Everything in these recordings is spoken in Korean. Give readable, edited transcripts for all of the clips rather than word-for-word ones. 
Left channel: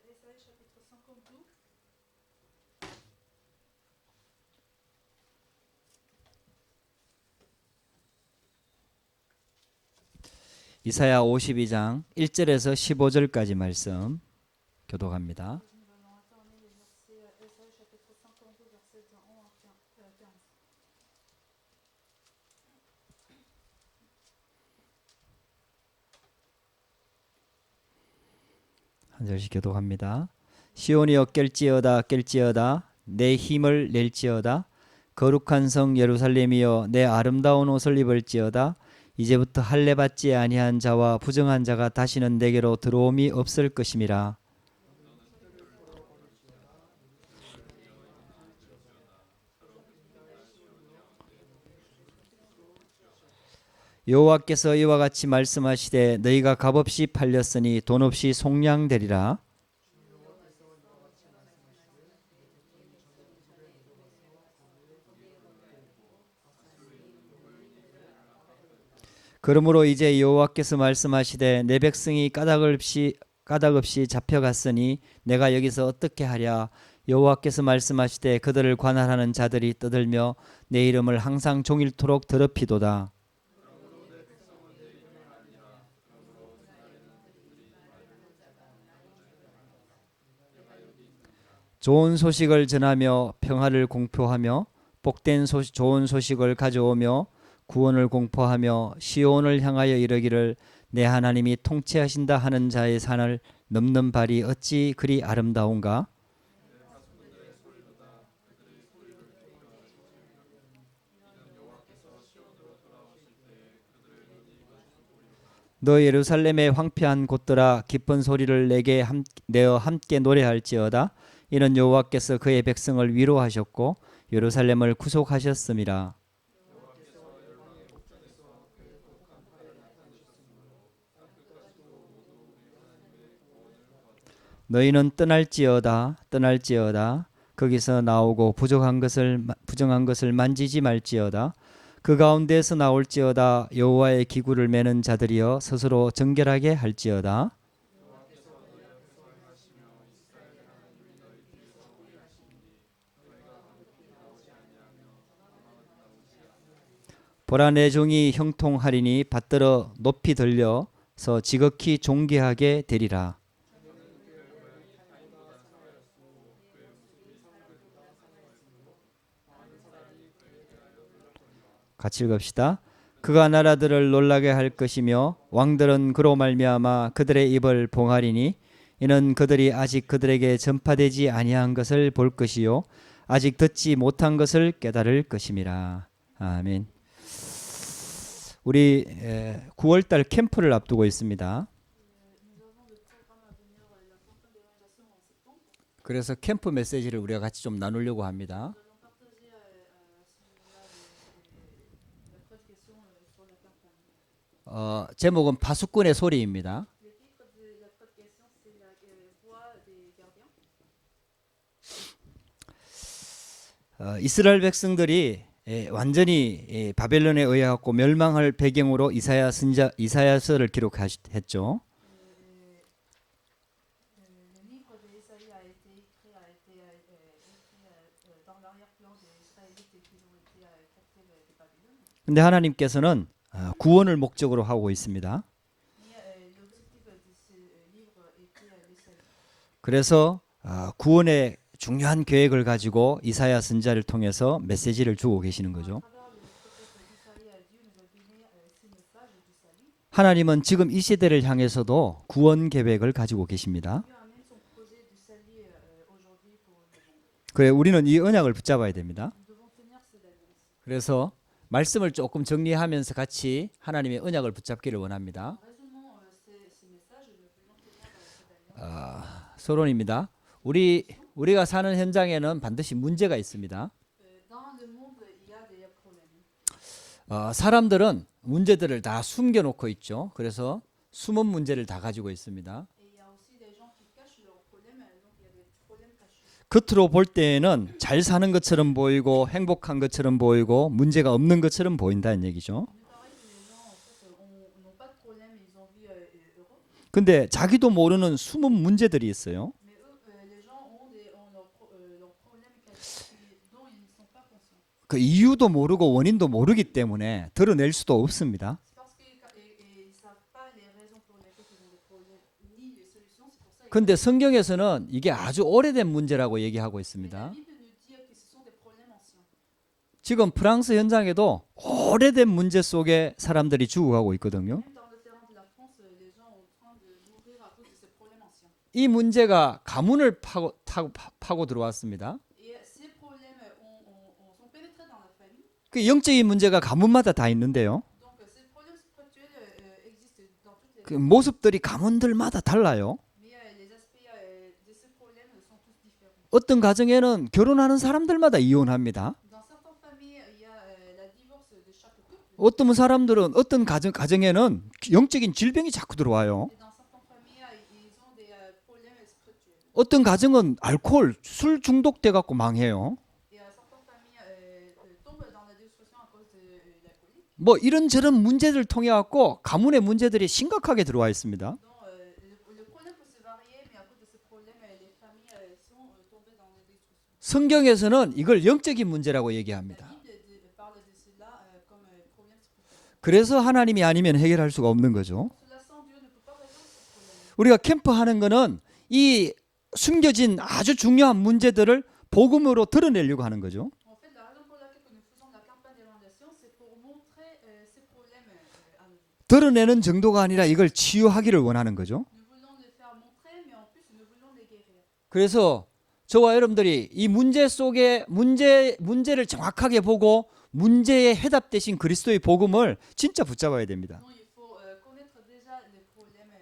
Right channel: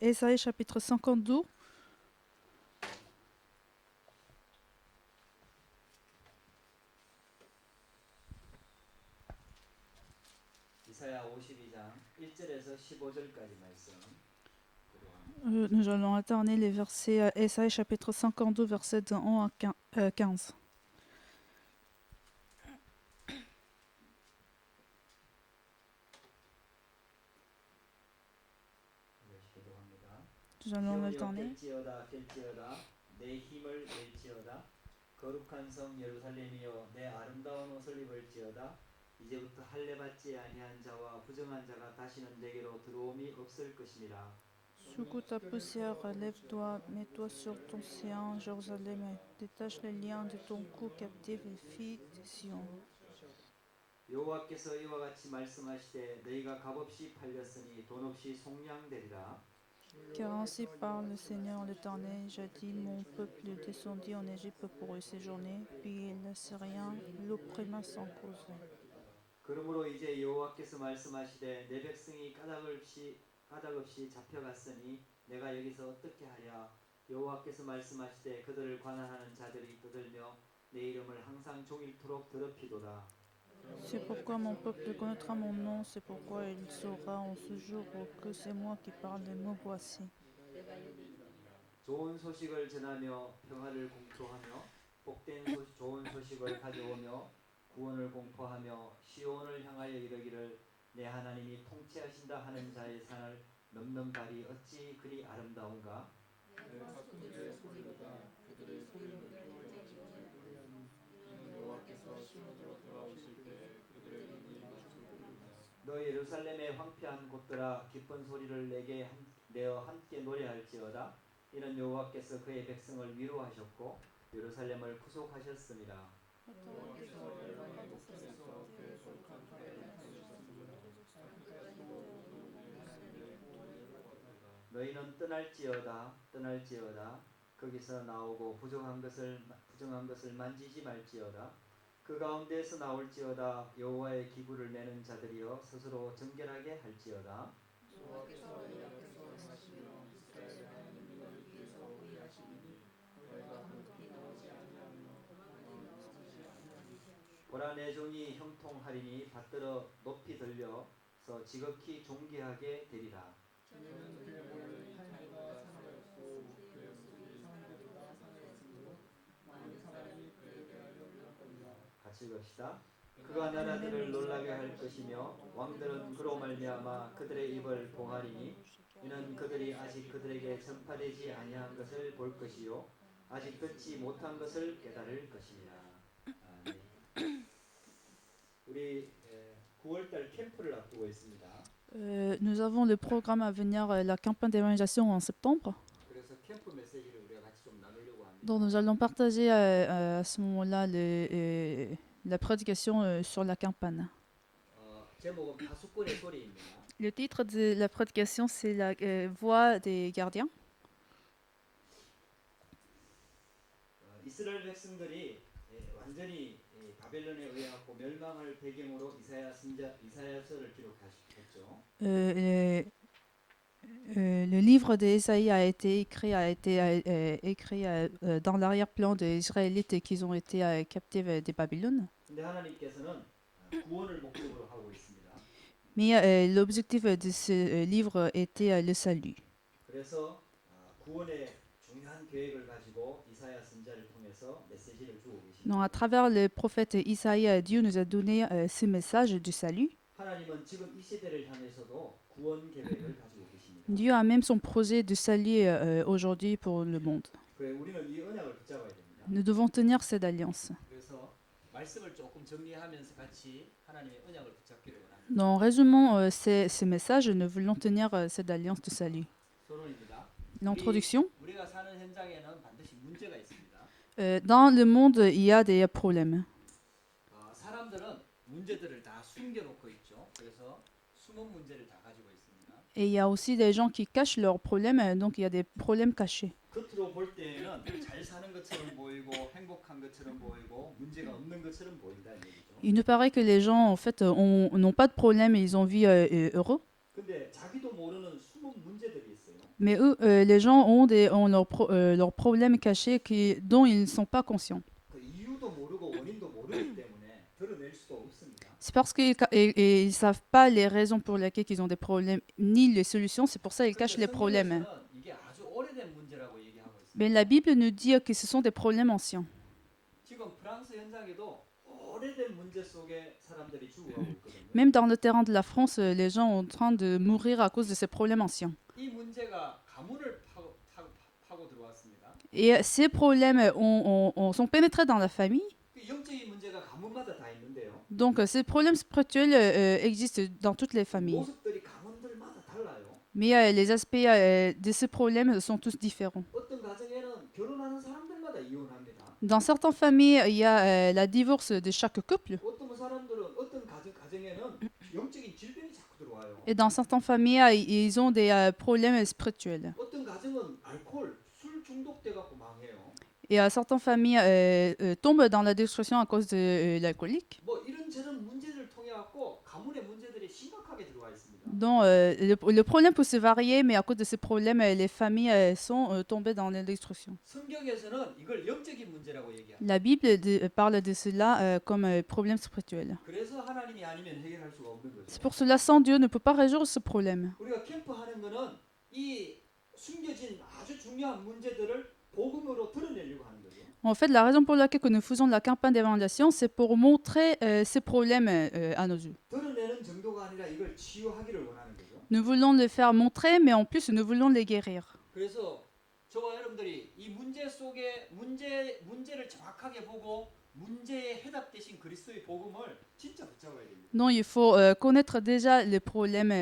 Ésaïe chapitre 52. 이사야 52장 1절에서 15절까지 말씀 교독합니다. Nous allons alterner les versets Ésaïe chapitre 52, versets de 1 à 15. 한 절씩 교독합니다. Nous allons 시온이여 alterner. 깰지어다 깰지어다 내 힘을 낼지어다 거룩한 성 예루살렘이여 내 아름다운 옷을 입을지어다 이제부터 할례 받지 아니한 자와 부정한 자가 다시는 내게로 들어옴이 없을 것임이라. Secoue ta poussière, lève-toi, mets-toi sur ton séant, Jérusalem, détache les liens de ton cou, captive les filles de Sion. 여호와께서 이와 같이 말씀하시되 너희가 값없이 팔렸으니 돈 없이 속량되리라. Car ainsi parle le Seigneur l'Éternel, jadis mon peuple descendit en Égypte pour y séjourner, puis les Syriens l'opprima sans cause. 그러므로 이제 여호와께서 말씀하시되 내 백성이 까닭 없이 잡혀갔으니 내가 여기서 어떻게 하랴. 여호와께서 말씀하시되 그들을 관할하는 자들이 떠들며 내 이름을 항상 종일토록 더럽히도다. C'est pourquoi mon peuple connaîtra mon nom, c'est pourquoi il saura en ce jour que c'est moi qui parle, me voici. 좋은 소식을 전하며 평화를 공표하며 복된 좋은 소식을 가져오며 구원을 공포하며 시온을 향하여 이르기를 내 하나님이 통치하신다 하는 자의 산을 넘는 발이 어찌 그리 아름다운가. 너 예루살렘의 황폐한 곳들아 기쁜 소리를 내게 내어 함께 노래할지어다. 이는 여호와께서 그의 백성을 위로하셨고 예루살렘을 구속하셨음이라. 너희는 떠날지어다 거기서 나오고 부정한 것을 만지지 말지어다. 그 가운데에서 나올지어다. 여호와의 기구를 매는 자들이여 스스로 정결하게 할지어다. 보라 내 종이 형통하리니 받들어 높이 들려서 지극히 존귀하게 되리라. 같이 읽읍시다. 그가 나라들을 놀라게 할 것이며 왕들은 그로 말미암아 그들의 입을 봉하리니 이는 그들이 아직 그들에게 전파되지 아니한 것을 볼 것이요 아직 듣지 못한 것을 깨달을 것임이라. 아멘. 우리 9월달 캠프를 앞두고 있습니다. Nous avons le programme à venir, la campagne d'évangélisation en septembre. 그래서 캠프 메시지를 우리가 같이 좀 나누려고 Donc 합니다. nous allons partager à ce moment-là la prédication sur la campagne. 제목은 파수꾼의 소리입니다. Le titre de la prédication, c'est la voix des gardiens. 이스라엘 백성들이 완전히 바벨론에 의해갖고 멸망할 배경으로 이사야서를 기록했죠. Le livre d'Ésaïe a été écrit dans l'arrière-plan des Israélites qui ont été captifs de Babylone. 근데 하나님께서는 구원을 목적으로 하고 있습니다. Mais l'objectif de ce livre était le salut. 그래서 구원의 중요한 계획을 가지고 이사야 선지자를 통해서 메시지를 주고 계시는 Donc, à 거죠. travers le prophète Isaïe, Dieu nous a donné ce message du salut. 하나님은 지금 이 시대를 향해서도 구원 계획을 가지고 계십니다. Dieu a même son projet de salut aujourd'hui pour le monde. 그래 우리는 이 언약을 붙잡아야 됩니다. Nous devons tenir cette alliance. 그래서 말씀을 조금 정리하면서 같이 하나님의 언약을 붙잡기를 원합니다. En résumant ce message, nous voulons tenir cette alliance de salut. 서론입니다. L'introduction. 우리가 사는 현장에는 반드시 문제가 있습니다. Dans le monde, il y a des problèmes. 사람들은 문제들을 다 숨겨놓고 있죠. 그래서 숨은 문제를 다 가지고 있습니다. Et il y a aussi des gens qui cachent leurs problèmes, donc il y a des problèmes cachés. 겉으로 볼 때에는 잘 사는 것처럼 보이고 행복한 것처럼 보이고 문제가 없는 것처럼 보인다는 얘기죠. Il nous paraît que les gens, en fait, n'ont pas de problème et ils ont vie heureux. 근데 자기도 모르는 숨은 문제들이 있어요. Mais eux, les gens ont leurs problèmes cachés dont ils ne sont pas conscients. 그 이유도 모르고 원인도 모르기 때문에 드러낼 수도 없습니다. C'est parce qu'ils ne savent pas les raisons pour lesquelles ils ont des problèmes, ni les solutions, c'est pour ça qu'ils 근데 cachent les problèmes. 성경에서는 이게 아주 오래된 문제라고 얘기하고 Mais la 있습니다. Bible nous dit que ce sont des problèmes anciens. 지금 프랑스 현장에도 오래된 문제 속에 사람들이 죽어가고 있거든요. Même dans le terrain de la France, les gens sont en train de mourir à cause de ces problèmes anciens. 이 문제가 가문을 파고 들어왔습니다. Et ces problèmes sont pénétrés dans la famille. 그 영적인 문제가 가문마다 다 있는데요. Donc ces problèmes spirituels existent dans toutes les 그 familles. 모습들이 가문들마다 달라요. Mais les aspects de ces problèmes sont tous différents. 어떤 가정에는 결혼하는 사람들마다 이혼합니다. Dans certaines familles, il y a la divorce de chaque couple. 어떤 사람들은 어떤 가정에는 영적인 질병이 자꾸 들어와요. Et dans certaines familles, ils ont des problèmes spirituels. 어떤 가정은 알코올, 술 중독돼 갖고 망해요. Et certaines familles tombent dans la destruction à cause de l'alcoolique. 뭐 이런저런 문제들 통해 갖고 가문의 문제들이 심각하게 들어와 있습니다. Donc le problème peut se varier, mais à cause de ces problèmes, les familles sont tombées dans la destruction. 성경에서는 이걸 영적인 문제라고 얘기합니다. La Bible parle de cela comme problème spirituel. 그래서 하나님이 아니면 해결할 수가 없는 C'est 거죠. pour cela, sans Dieu, ne peut pas résoudre ce problème. 우리가 캠프하는 거는 이 숨겨진 아주 중요한 문제들을 복음으로 드러내려고 하는 거죠. En fait, la raison pour laquelle que nous faisons la campagne d'évangélisation, c'est pour montrer ces problèmes à nos yeux. 드러내는 정도가 아니라 이걸 치유하기를 원하는 거죠. Nous voulons les faire montrer, mais en plus, nous voulons les guérir. 그래서 저와 여러분들이 이 문제 속에 문제를 정확하게 보고 문제에 해답 대신 그리스도의 복음을 진짜 붙잡아야 됩니다. Donc, il faut connaître déjà le problème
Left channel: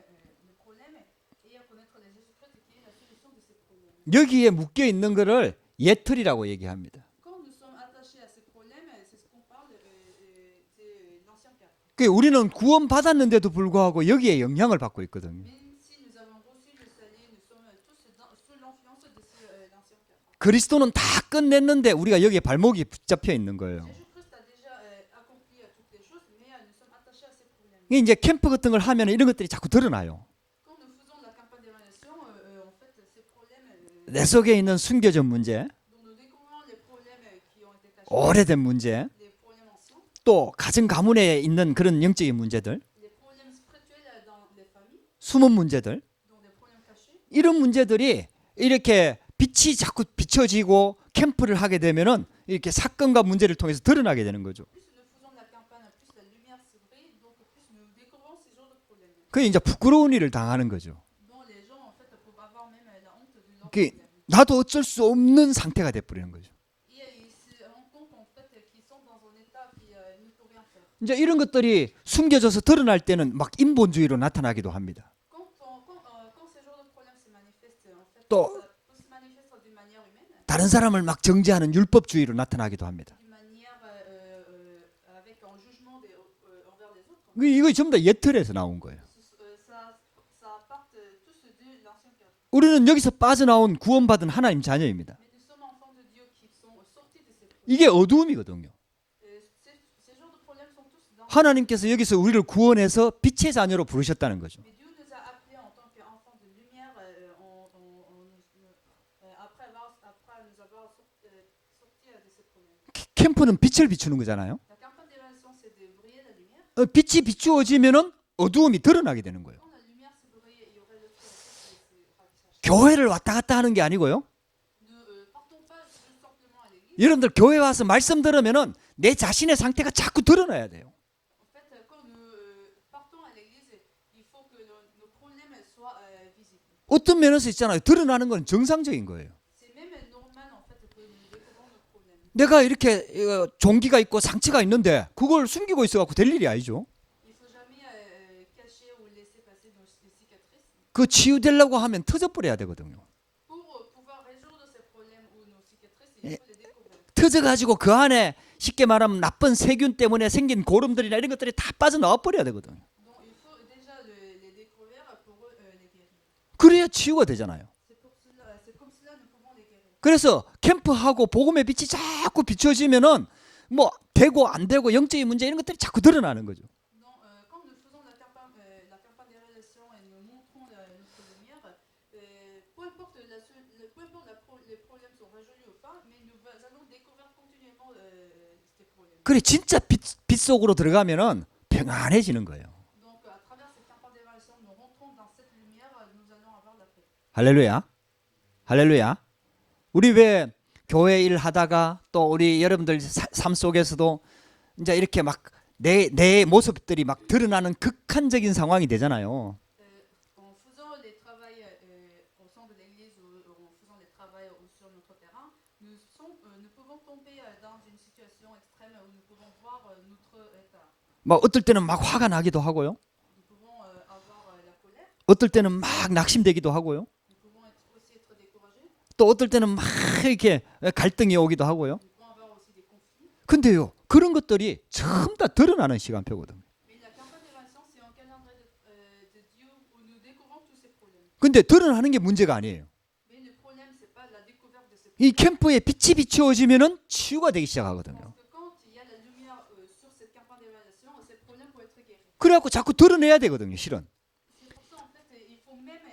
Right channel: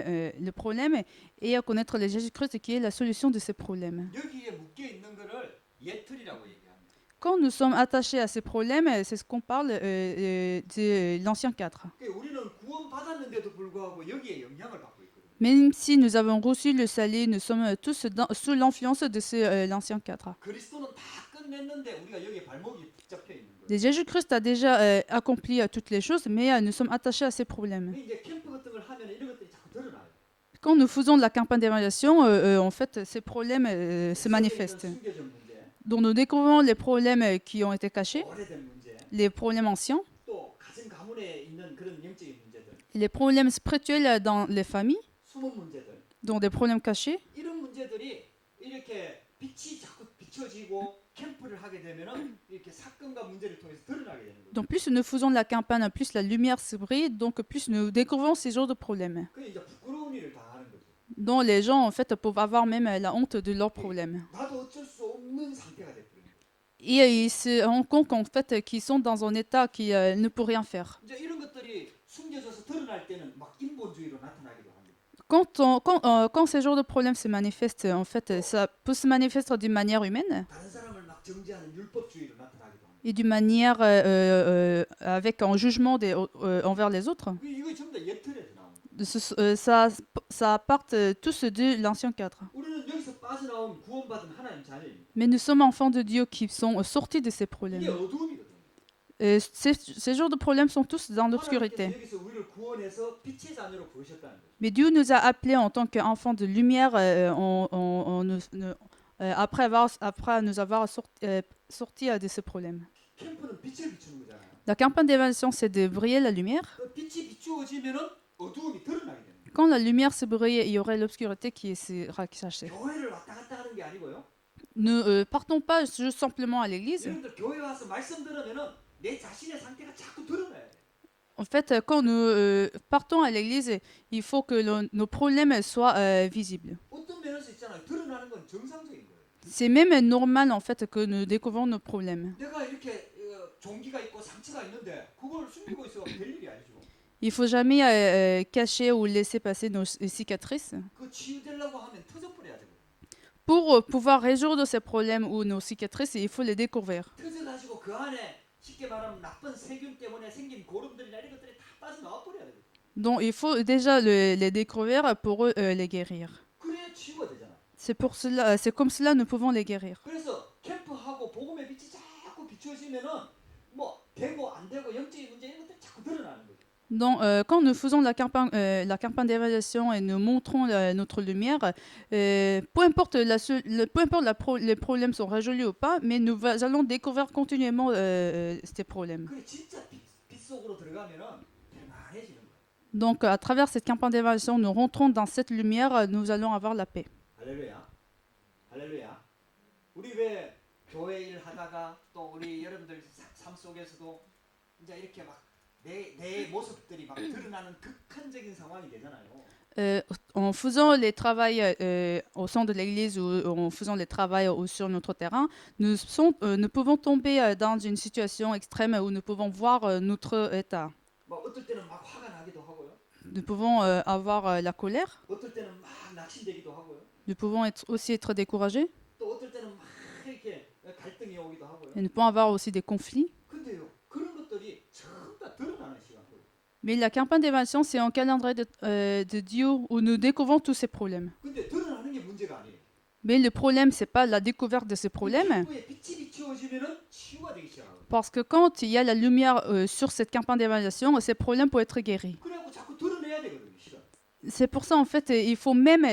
et connaître le Jésus-Christ qui est la solution de ces problèmes. 여기에 묶여 있는 거를 예틀이라고 얘기합니다. Quand nous sommes attachés à ces problèmes, c'est ce qu'on parle de l'ancien cadre. 그 우리는 구원 받았는데도 불구하고 여기에 영향을 받고 있거든요. Même si nous avons reçu le salut, nous sommes tous sous l'influence de l'ancien cadre. 그리스도는 다 끝냈는데 우리가 여기에 발목이 붙잡혀 있는 거예요. Et Jésus-Christ a déjà accompli toutes les choses, mais nous sommes attachés à ces problèmes. 이제 캠프 같은 걸 하면 이런 것들이 자꾸 드러나요. Quand nous faisons de la campagne d'évaluation, en fait, ces problèmes 내 se 속에 있는 manifestent. 숨겨진 문제, Donc nous découvrons les problèmes qui ont été cachés, 오래된 문제, les problèmes anciens, 또 가정 가문에 있는 그런 영적인 문제들, les problèmes spirituels dans les familles, 숨은 문제들, donc des problèmes cachés. 이런 문제들이 이렇게 빛이 자꾸 비춰지고 캠프를 하게 되면은 이렇게 사건과 문제를 통해서 드러나게 되는 거죠. Donc plus nous faisons de la campagne, plus la lumière se brille, donc plus nous découvrons ces genres de problèmes. 그게 이제 부끄러운 일을 당하는 거죠. Donc les gens en fait peuvent avoir même la honte de leurs Okay. problèmes. 나도 어쩔 수 없는 상태가 돼버리는 거죠. Et ils se rendent compte qu'en fait qu'ils sont dans un état qui ne peut rien faire. 이제 이런 것들이 숨겨져서 드러날 때는 막 인본주의로 나타나기도 합니다. Quand ces genres de problèmes se manifestent, en fait, Oh. ça peut se manifester d'une manière humaine 다른 사람을 막 정죄하는 율법주의로 나타나기도 합니다. et d'une manière avec un jugement envers les autres. 이거 전부 다 예틀에서 나온 거예요. Ça part tous de l'ancien cadre. 우리는 여기서 빠져나온 구원받은 하나님 자녀입니다. Mais nous sommes enfants de Dieu qui sont sortis de ces problèmes. 이게 어두움이거든요. Ces genres de problèmes sont tous dans 하나님께서 l'obscurité. 여기서 우리를 구원해서 빛의 자녀로 부르셨다는 거죠. Mais Dieu nous a appelés en tant qu'enfants de lumière après nous avoir sortis de ces problèmes. 캠프는 빛을 비추는 거잖아요. La campagne d'évaluation, c'est de briller la lumière. 빛이 비추어지면은 어두움이 드러나게 되는 거예요. Quand la lumière se brille, il y aurait l'obscurité qui sera cachée. 교회를 왔다 갔다 하는 게 아니고요. Ne partons pas juste simplement à l'église. 여러분들 교회 와서 말씀 들으면은 내 자신의 상태가 자꾸 드러나야 돼요. En fait, quand nous partons à l'église, il faut que nos problèmes soient visibles. 어떤 면에서 있잖아요. 드러나는 건 정상적인 거예요. C'est même normal en fait que nous découvrons nos problèmes. 내가 이렇게 종기가 있고 상처가 있는데 그걸 숨기고 있어갖고 될 일이 아니죠. Il faut jamais cacher ou laisser passer nos cicatrices. 그 치유되려고 하면 터져버려야 되거든요. Pour pouvoir résoudre ces problèmes ou nos cicatrices, il faut les découvrir. 터져가지고 그 안에 쉽게 말하면 나쁜 세균 때문에 생긴 고름들이나 이런 것들이 다 빠져나와 버려야 되거든요. Donc il faut déjà les découvrir pour les guérir. 그래야 치유가 되잖아요. C'est comme cela nous pouvons les guérir. 그래서 캠프하고 복음의 빛이 자꾸 비춰지면은 뭐 되고 안 되고 영적인 문제 이런 것들이 자꾸 드러나는 거죠. Donc, quand nous faisons la campagne d'évaluation et nous montrons notre lumière, peu importe, les problèmes sont résolus ou pas, mais nous allons découvrir continuellement ces problèmes. 그래 진짜 빛 속으로 들어가면은 평안해지는 거예요. Donc, à travers cette campagne d'évaluation, nous rentrons dans cette lumière, nous allons avoir la paix. 할렐루야. 할렐루야. 우리 왜 교회 일 하다가 또 우리 여러분들 삶 속에서도 이제 이렇게 막 내 모습들이 막 드러나는 극한적인 상황이 되잖아요. En faisant les travails au sein de l'église ou en faisant les travails sur notre terrain, nous pouvons tomber dans une situation extrême où nous pouvons voir notre état. 막 어떨 때는 막 화가 나기도 하고요. Nous pouvons avoir la colère, 어떨 때는 막 낙심되기도 하고요. nous pouvons aussi être découragés, 또 어떨 때는 막 이렇게 갈등이 오기도 하고요. et nous pouvons avoir aussi des conflits. 근데요, 그런 것들이 전부 다 드러나는 시간표거든. Mais la campagne d'évaluation, c'est un calendrier de Dieu où nous découvrons tous ces problèmes. 근데 드러나는 게 문제가 아니에요. Mais le problème, c'est pas la découverte de ces 이 problèmes. 캠프에 빛이 비추어지면은 치유가 되기 시작하거든. Parce que quand il y a la lumière sur cette campagne d'évaluation, ces problèmes peuvent être guéris. 그래갖고 자꾸 드러내야 되거든요, 실은. C'est pour ça, en fait, il faut même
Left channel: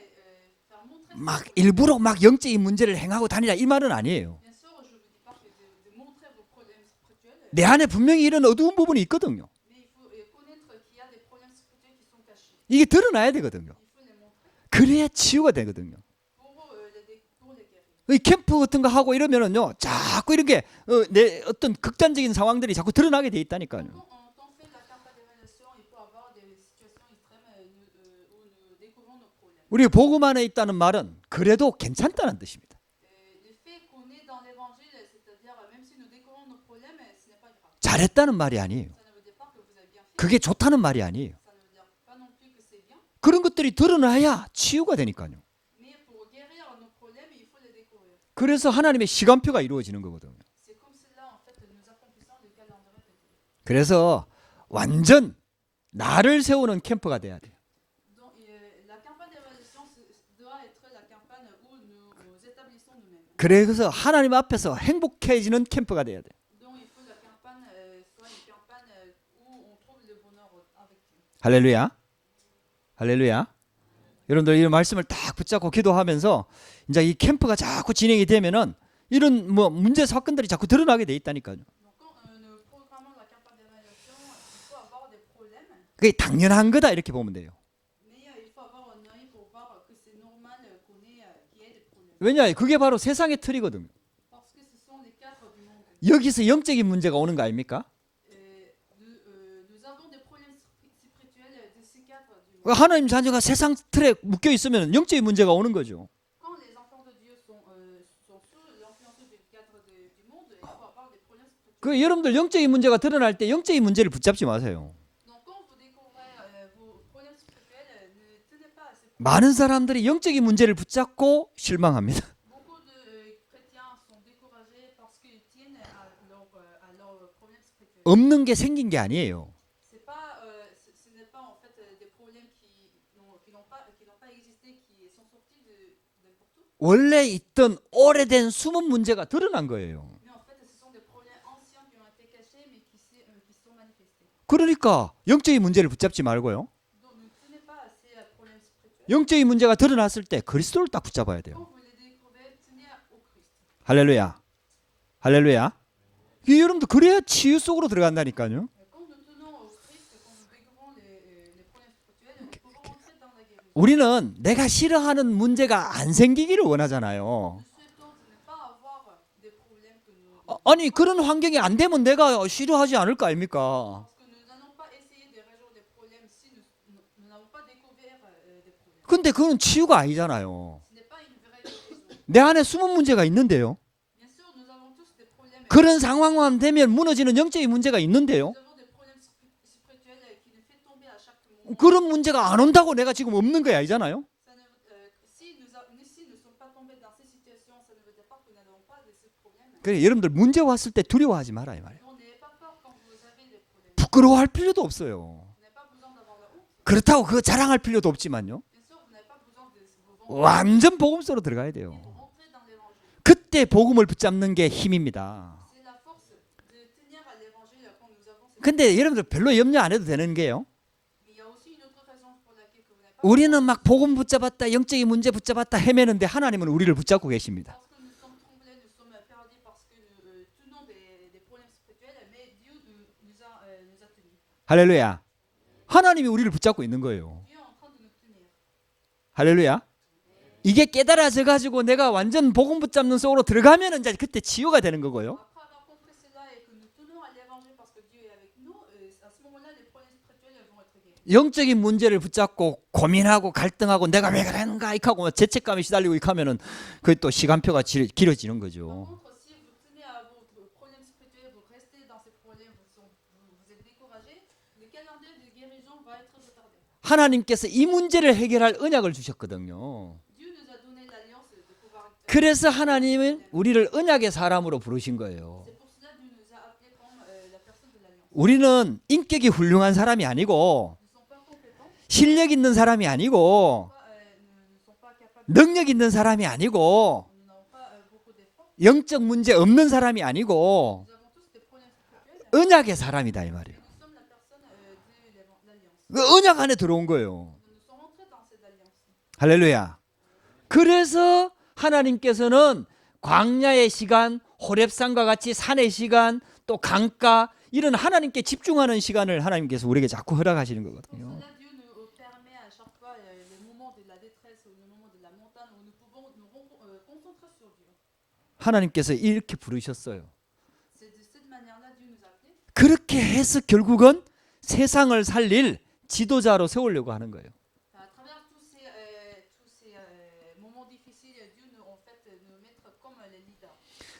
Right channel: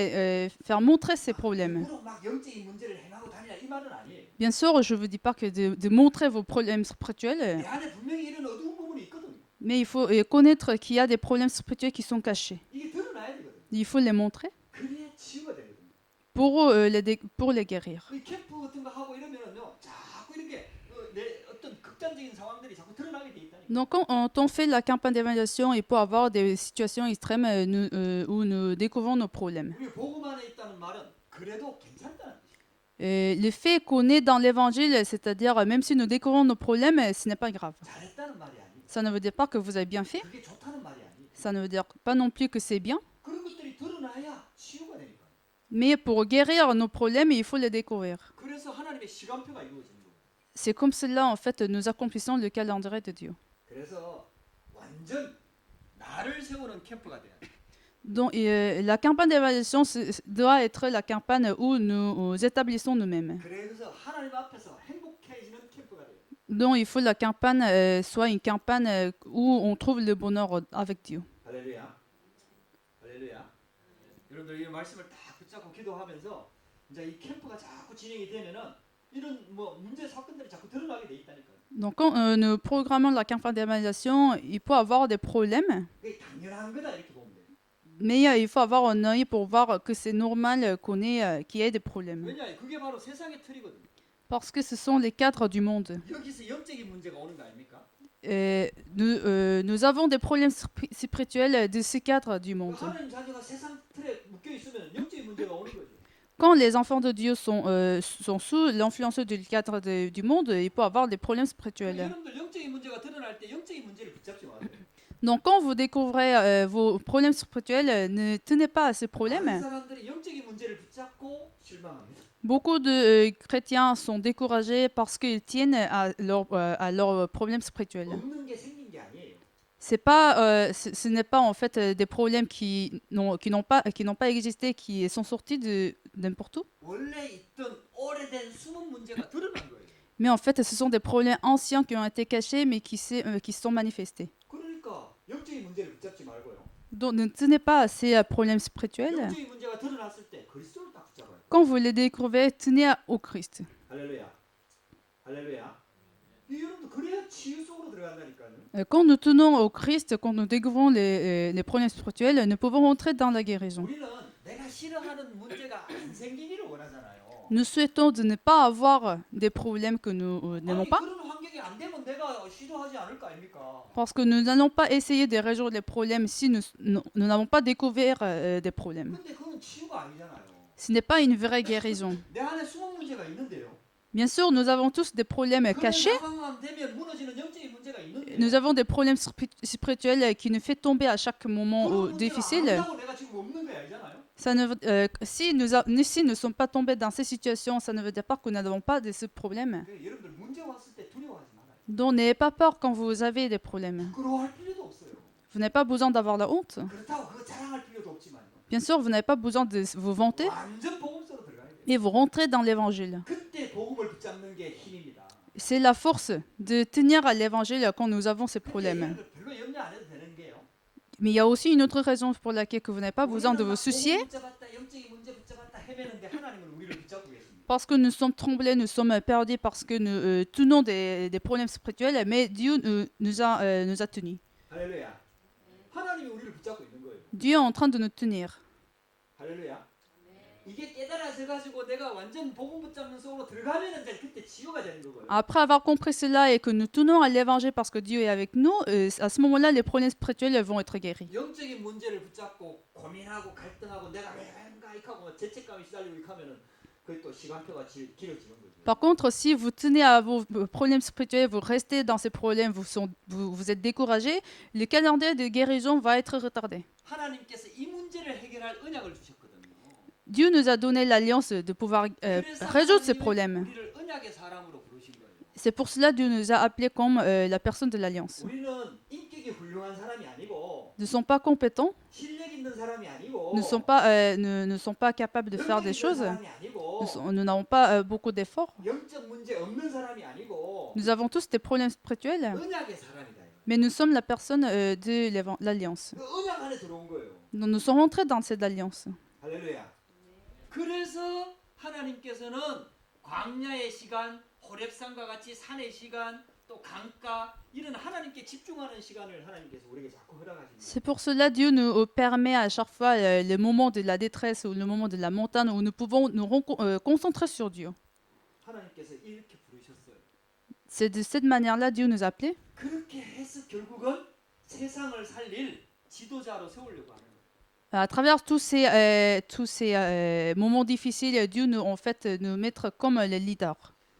faire montrer ces 막 problèmes. 일부러 막 영적인 문제를 행하고 다니라 이 말은 아니에요. Bien sûr, je ne vous dis pas que de montrer vos problèmes spirituels, 내 안에 분명히 이런 어두운 부분이 있거든요. mais il faut connaître qu'il y a des problèmes spirituels qui sont cachés. 이게 드러나야 되거든요. Il faut les montrer 그래야 치유가 되거든요. pour les guérir. 이 캠프 같은 거 하고 이러면은요, 자꾸 이렇게 내 어떤 극단적인 상황들이 자꾸 드러나게 돼 있다니까요. Donc, quand on fait la campagne d'évaluation, il peut y avoir des situations extrêmes où nous découvrons nos problèmes. 우리 복음 안에 있다는 말은 그래도 괜찮다는 뜻입니다. Le fait qu'on est dans l'évangile, c'est-à-dire même si nous découvrons nos problèmes, ce n'est pas grave. 잘했다는 말이 아니에요. Ça ne veut dire pas que vous avez bien fait. 그게 좋다는 말이 아니에요. Ça ne veut dire pas non plus que c'est bien. 그런 것들이 드러나야 치유가 되니까요. Mais pour guérir nos problèmes, il faut les découvrir. 그래서 하나님의 시간표가 이루어지는 거거든요. C'est comme cela, en fait, nous accomplissons le calendrier de Dieu. 그래서 완전 나를 세우는 캠프가 돼야 돼. Donc, la campagne d'évaluation doit être la campagne où nous établissons nous-mêmes. 그래서 하나님 앞에서 행복해지는 캠프가 돼야 돼. Donc, il faut que la campagne soit une campagne où on trouve le bonheur avec Dieu. 할렐루야. 할렐루야. 여러분들 이 말씀을 딱 붙잡고 기도하면서 이제 이 캠프가 자꾸 진행이 되면은 이런 뭐 문제 사건들이 자꾸 드러나게 돼 있다니까요. Donc, quand nous programmons la campagne d'évaluation, il faut avoir des problèmes, 그게 당연한 거다 이렇게 보면 돼요. mais il faut avoir un œil pour voir que c'est normal qu'il y ait des problèmes. 왜냐? 그게 바로 세상의 틀이거든요. Parce que ce sont les cadres du monde. 여기서 영적인 문제가 오는 거 아닙니까? Nous avons des problèmes spirituels de ces cadres du monde. 하나님 자녀가 세상 틀에 묶여 있으면 영적인 문제가 오는 거죠. Quand les enfants de Dieu sont sous l'influence du cadre du monde, il peut avoir des problèmes 그 spirituels. 여러분들 영적인 문제가 드러날 때 영적인 문제를 붙잡지 마세요. Donc, quand vous découvrez vos problèmes spirituels, ne tenez pas à ces problèmes. 많은 사람들이 영적인 문제를 붙잡고 실망합니다. Beaucoup de chrétiens sont découragés parce qu'ils tiennent à leurs problèmes spirituels. 없는 게 생긴 게 아니에요. Ce n'est pas en fait des problèmes qui n'ont pas existé, qui sont sortis de n'importe où. 원래 있던 오래된 숨은 문제가 드러난 거예요. Mais en fait, ce sont des problèmes anciens qui ont été cachés, mais qui se sont manifestés. 그러니까 영적인 문제를 붙잡지 말고요. Donc, ne tenez pas à ces problèmes spirituels. 영적인 문제가 드러났을 때 그리스도를 딱 붙잡아야 돼요. Quand vous les découvrez, tenez au Christ. 할렐루야. 할렐루야. 이 여러분들 그래야 치유 속으로 들어간다니까요. Quand nous tenons au Christ, quand nous découvrons les problèmes spirituels, nous pouvons rentrer dans la guérison. 우리는 내가 싫어하는 문제가 안 생기기를 원하잖아요. Nous souhaitons de ne pas avoir des problèmes que nous 아니 n'avons pas, 그런 환경이 안 되면 내가 싫어하지 않을 거 아닙니까? parce que nous n'allons pas essayer de résoudre les problèmes si nous n'avons pas découvert des problèmes. 근데 그건 치유가 아니잖아요. Ce n'est pas une vraie guérison. 내 안에 숨은 문제가 있는데요. Bien sûr, nous avons tous des problèmes 그런 cachés. 상황만 되면 무너지는 영적인 문제가 있는데요. Nous avons des problèmes spirituels qui nous fait tomber à chaque moment. 그런 문제가 안 difficile. 온다고 내가 지금 없는 거야, 아니잖아요? Ça ne si nous ne sommes pas tombés dans ces situations, ça ne veut dire pas que nous n'avons pas de ce problème. 그래 여러분들 문제 왔을 때 두려워하지 말아요. Donc n'ayez pas peur quand vous avez des problèmes. 부끄러워할 필요도 없어요. Vous n'avez pas besoin d'avoir la honte. 그렇다고 그거 자랑할 필요도 없지만요. Bien sûr, vous n'avez pas besoin de vous vanter. 완전 복음 속으로 들어가야 돼요. Et vous rentrez dans l'évangile. 그때 복음을 복음을 붙잡는 게 힘입니다. C'est la force de tenir à l'évangile quand nous avons ces 근데 problèmes. 여러분들 별로 염려 안 해도 되는 게요. Mais il y a aussi une autre raison pour laquelle que vous n'avez pas besoin 우리는 de vous 막 복음 soucier. 붙잡았다, 영적인 문제 붙잡았다 헤매는데 하나님은 우리를 붙잡고 계십니다. Parce que nous sommes tremblés, nous sommes perdus parce que nous tenons des problèmes spirituels, mais Dieu nous a tenus. 할렐루야. 하나님이 우리를 붙잡고 있는 거예요. Dieu est en train de nous tenir. 할렐루야. 이게 깨달아져 가지고 내가 완전 복음 붙잡는 속으로 들어가면 이제 그때 치유가 되는 거고요. Après avoir compris cela et que nous tenons à l'évangile parce que Dieu est avec nous, à ce moment-là, les problèmes spirituels vont être guéris. 영적인 문제를 붙잡고 고민하고 갈등하고 내가 왜 그랬는가 이하고 죄책감이 시달리고 이하면은 그게 또 시간표가 길어지는 거죠. Par contre, si vous tenez à vos problèmes spirituels, vous restez dans ces problèmes, vous êtes découragé, le calendrier de guérison va être retardé. 하나님께서 이 문제를 해결할 언약을 주셨거든요. Dieu nous a donné l'alliance de pouvoir 그래서 résoudre ces 하나님은 problèmes. 우리를 언약의 사람으로 부르신 거예요. C'est pour cela que Dieu nous a appelés comme la personne de l'alliance. 우리는 인격이 훌륭한 사람이 아니고 Nous ne sommes pas compétents, 실력 있는 사람이 아니고 ne sont pas capables de faire 능력 des 있는 choses. 사람이 아니고 Nous n'avons pas beaucoup d'efforts. 영적 문제 없는 사람이 아니고 Nous avons tous des problèmes spirituels, 언약의 사람이다 이 말이에요. mais nous sommes la personne de l'alliance. 그 언약 안에 들어온 거예요. Nous sommes rentrés dans cette alliance. 할렐루야. 그래서 하나님께서는 광야의 시간, 호렙산과 같이 산의 시간, 또 강가 이런 하나님께 집중하는 시간을 하나님께서 우리에게 자꾸 허락하시는 거예요. C'est pour cela que Dieu nous permet à chaque fois le moment de la détresse ou le moment de la montagne où nous pouvons nous concentrer sur Dieu. 하나님께서 이렇게 부르셨어요. C'est de cette manière-là Dieu nous a appelés. 그렇게 해서 결국은 세상을 살릴 지도자로 세우려고 하는 거예요. À travers tous ces moments difficiles, Dieu nous en fait nous mettre comme les leaders.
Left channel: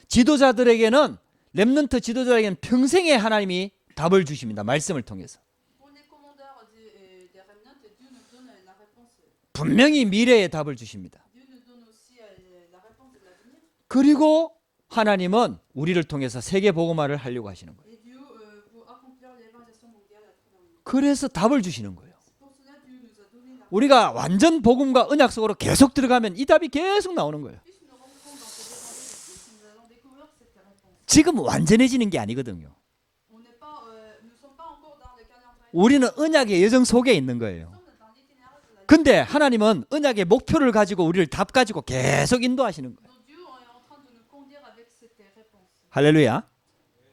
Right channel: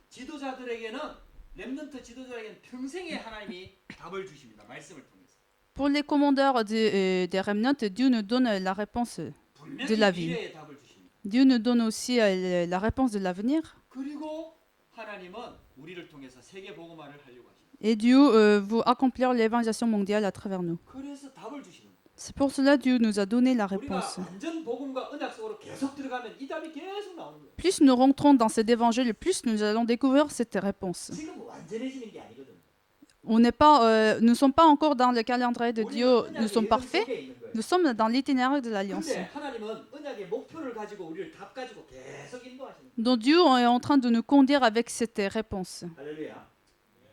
지도자들에게는 렘넌트 지도자에게는 평생에 하나님이 답을 주십니다. 말씀을 통해서. Pour les commandeurs des remnants, Dieu nous donne la réponse. 분명히 de la vie. 미래의 답을 주십니다. Dieu nous donne aussi la réponse de l'avenir. 그리고 하나님은 우리를 통해서 세계 복음화를 하려고 하시는 거예요. Et Dieu veut accomplir l'évangélisation mondiale à travers nous. 그래서 답을 주시는 거예요. C'est pour cela que Dieu nous a donné la 우리가 réponse. 완전 복음과 언약 속으로 계속 들어가면 이 답이 계속 나오는 거예요. Plus nous rentrons dans cet évangile, plus nous allons découvrir cette réponse. 지금 완전해지는 게 아니거든요. Nous ne sommes pas encore dans le calendrier de 우리는 Dieu. Nous 언약의 sommes 여정 parfaits. 속에 있는 거예요. Nous sommes dans l'itinéraire de l'alliance. 근데 하나님은 언약의 목표를 가지고 우리를 답 가지고 계속 인도하시는 거예요. Donc Dieu est en train de nous conduire avec cette réponse. 할렐루야.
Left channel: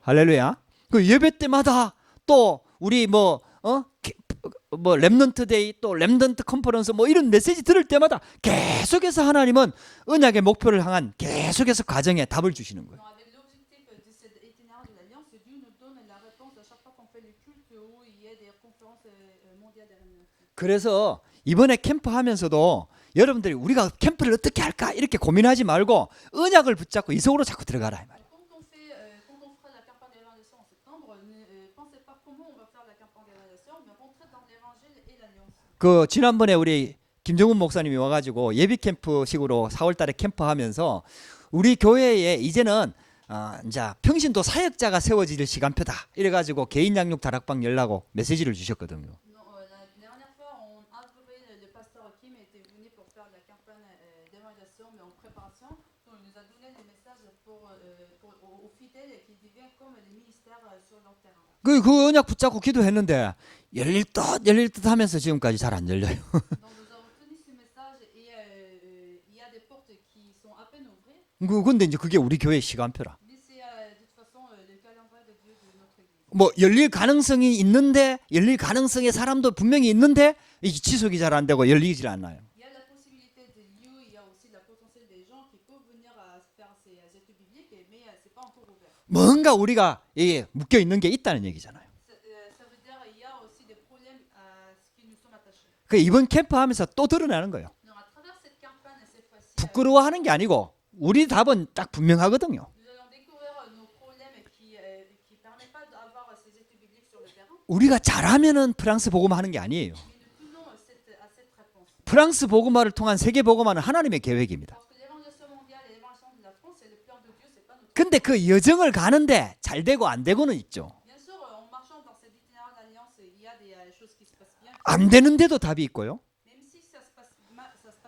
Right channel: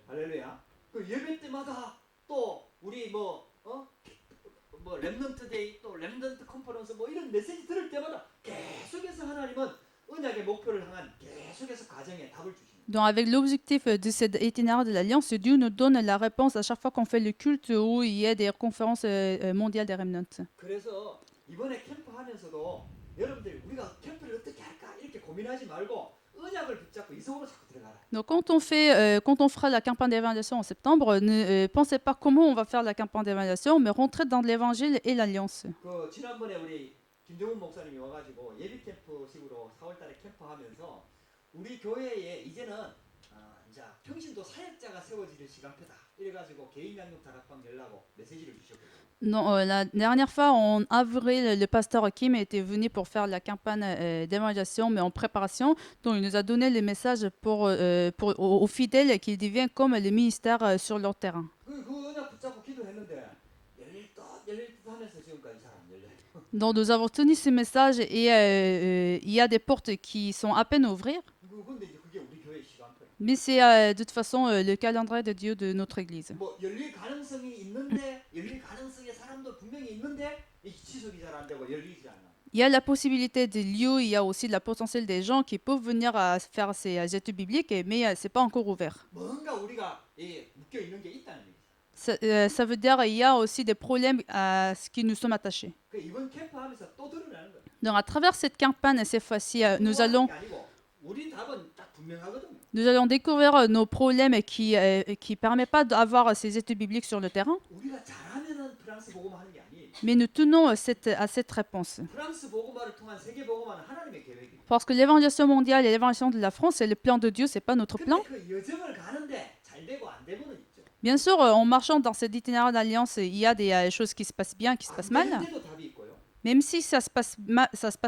할렐루야. 그 예배 때마다 또 우리 뭐 렘넌트 데이 또 렘넌트 컨퍼런스 뭐 이런 메시지 들을 때마다 계속해서 하나님은 언약의 목표를 향한 계속해서 과정에 답을 주시는 거예요. Donc avec l'objectif de cet itinéraire de l'alliance, Dieu nous donne la réponse à chaque fois qu'on fait le culte où il y a des conférences mondiales des remnants. 그래서 이번에 캠프 하면서도 여러분들이 우리가 캠프를 어떻게 할까 이렇게 고민하지 말고 언약을 붙잡고 이 속으로 자꾸 들어가라. Donc quand on fera la campagne d'évaluation en septembre, ne pensez pas comment on va faire la campagne d'évaluation, mais rentrez dans l'évangile et l'alliance. 그 지난번에 우리 김정훈 목사님이 와가지고 예비 캠프식으로 4월달에 캠프하면서 우리 교회에 이제는 이제 평신도 사역자가 세워질 시간표다. 이래가지고 개인 양육 다락방 열라고 메시지를 주셨거든요. Non, la dernière fois, en avril, le pasteur Kim était venu pour faire la campagne d'évaluation, mais en préparation. Donc, il nous a donné le message aux fidèles qu'ils deviennent comme le ministère sur leur terrain. 그 언약 붙잡고 기도했는데 열릴 듯 하면서 지금까지 잘 안 열려요. Donc, nous avons tenu ce message et il y a des portes qui sont à peine à ouvrir. 근데 이제 그게 우리 교회 시간표라. Mais c'est de toute façon le calendrier de Dieu de notre Église. 뭐 열릴 가능성이 있는데 열릴 가능성의 사람도 분명히 있는데 이 지속이 잘 안 되고 열리질 않아요. Il y a la possibilité de lieux, il y a aussi la potentiel des gens qui peuvent venir à faire ces études bibliques, mais c'est pas encore ouvert. 뭔가 우리가 묶여 있는 게 있다는 얘기잖아요. Ça veut dire qu'il y a aussi des problèmes à ce qui nous sommes attachés. 그 이번 캠프 하면서 또 드러나는 거예요. Donc à travers cette campagne, cette fois-ci, 부끄러워하는 게 아니고 우리 답은 딱 분명하거든요. nous allons découvrir nos problèmes qui permettent pas d'avoir ces études bibliques sur le terrain. 우리가 잘하면은 프랑스 복음화하는 게 아니에요. Mais nous tenons à cette réponse. 프랑스 복음화를 통한 세계 복음화는 하나님의 계획입니다. Parce que l'évangélisation mondiale et l'évangélisation de la France, c'est le plan de Dieu, c'est pas notre 근데 plan. 그 여정을 가는데 잘 되고 안 되고는 있죠. Bien sûr, en marchant dans cet itinéraire d'alliance, il y a des choses qui se passent bien, qui se 안 passent mal. 되는데도 답이 있고요. Même si ça se passe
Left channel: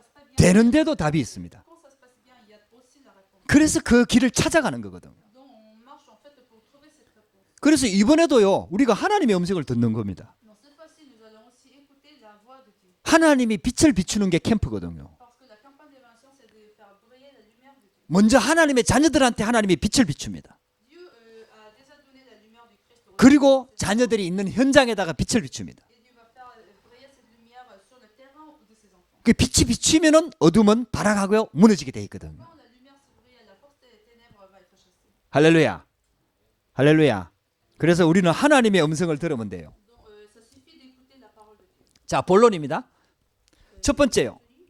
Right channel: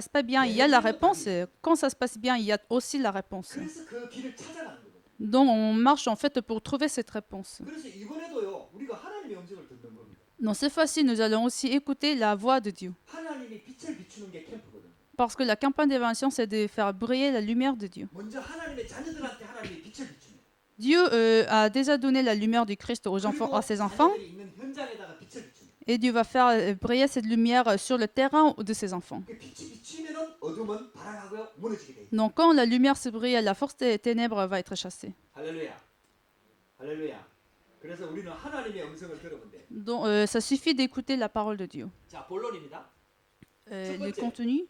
pas bien, il y a la 되는데도 답이 réponse. 있습니다. Quand ça se passe bien, il y a aussi la réponse. 그래서 그 길을 찾아가는 거거든. Donc on marche en fait pour trouver cette réponse. 그래서 이번에도요, 우리가 하나님의 음성을 듣는 겁니다. Donc cette fois-ci, nous allons aussi écouter la voix de Dieu. 하나님이 빛을 비추는 게 캠프거든요. Parce que la campagne d'évasion, c'est de faire briller la lumière de Dieu. 먼저 하나님의 자녀들한테 하나님이 빛을 비춥니다. Dieu a déjà donné la lumière du Christ aux 그리고 à ses enfants. 자녀들이 있는 현장에다가 빛을 비춥니다. Et Dieu va faire briller cette lumière sur le terrain de ses enfants. 그 빛이 비추면은 어둠은 발악하고요, 무너지게 돼 있거든요. Donc quand la lumière se brille, la force des ténèbres va être chassée. 할렐루야, 할렐루야. 그래서 우리는 하나님의 음성을 들으면 돼요. Donc ça suffit d'écouter la parole de Dieu. 자, 본론입니다. 첫 Le 번째요. contenu,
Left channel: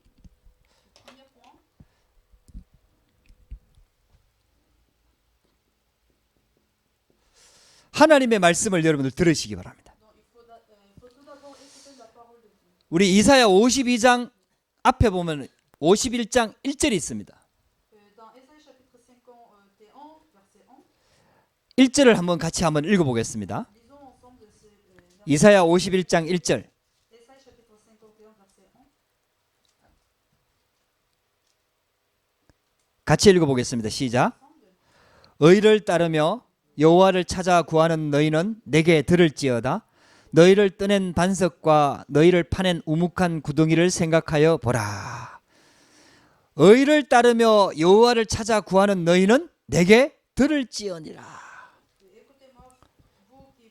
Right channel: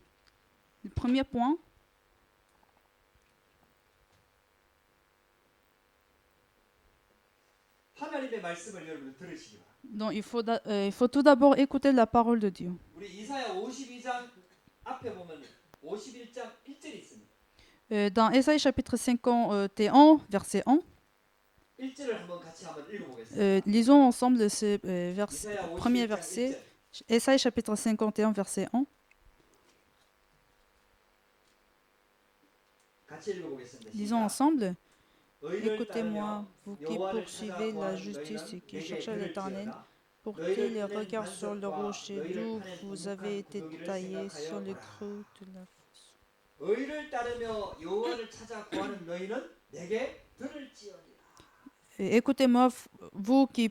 le premier point. 하나님의 말씀을 여러분들 들으시기 바랍니다. Donc il faut tout d'abord écouter la parole de Dieu. 우리 이사야 52장 앞에 보면 51장 1절이 있습니다. Dans Ésaïe chapitre 51, verset 1, 1절을 한번 같이 한번 읽어보겠습니다. lisons ensemble ce verset. 이사야 51장 1절. Ésaïe chapitre 51, verset 1. 같이 읽어보겠습니다. Lisons 시작. ensemble. 의를 따르며 여호와를 찾아 구하는 너희는 내게 들을지어다. 너희를 떠낸 반석과 너희를 파낸 우묵한 구덩이를 생각하여 보라. 의를 따르며 여호와를 찾아 구하는 너희는 내게 들을지어니라. Écoutez-moi, vous qui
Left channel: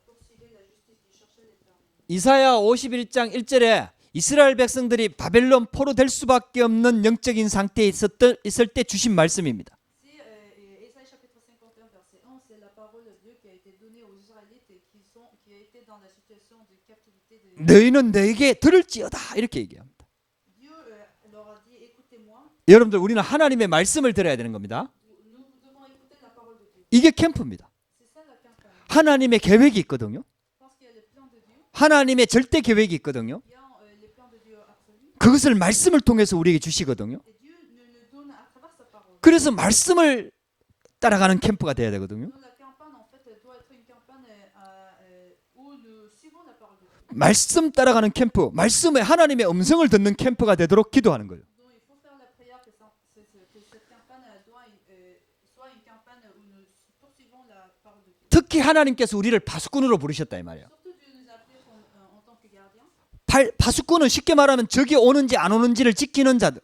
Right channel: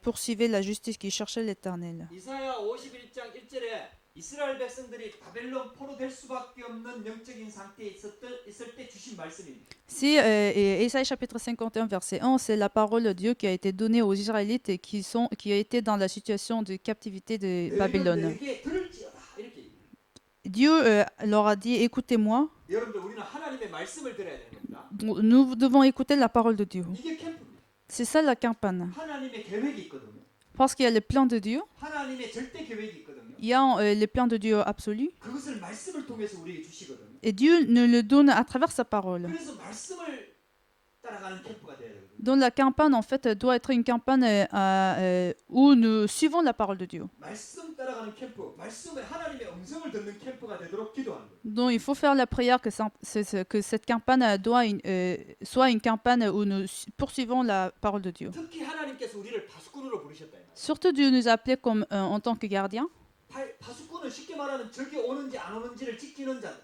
poursuivez la justice, qui cherchez l'Éternel. 이사야 51장 1절에 이스라엘 백성들이 바벨론 포로 될 수밖에 없는 영적인 상태에 있을 때 주신 말씀입니다. Si Ésaïe chapitre 51 verset 1, c'est la parole de Dieu qui a été donnée aux Israélites qui étaient dans la situation de captivité de 너희는 Babylone. 내게 들을지어다 이렇게 얘기합니다. Dieu leur a dit écoutez-moi. 여러분들 우리는 하나님의 말씀을 들어야 되는 겁니다. Nous devons écouter la parole de Dieu. 이게 캠프입니다. C'est ça la campagne. 하나님의 계획이 있거든요. Parce qu'il y a le plan de Dieu, 하나님의 절대 계획이 있거든요. il y a le plan de Dieu absolu, 그것을 말씀을 통해서 우리에게 주시거든요. et Dieu nous le donne à travers sa parole. 그래서 말씀을 따라가는 캠프가 돼야 되거든요. Donc la campagne en fait doit être une campagne où nous suivons la parole de Dieu. 말씀 따라가는 캠프, 말씀의 하나님의 음성을 듣는 캠프가 되도록 기도하는 거예요. Donc il faut faire la prière que cette campagne soit une campagne où nous poursuivons la parole de Dieu. 특히 하나님께서 우리를 바수꾼으로 부르셨다 이 말이에요. Surtout Dieu nous a appelés comme en tant que gardiens. 바수꾼은 쉽게 말하면 적이 오는지 안 오는지를 지키는 자들.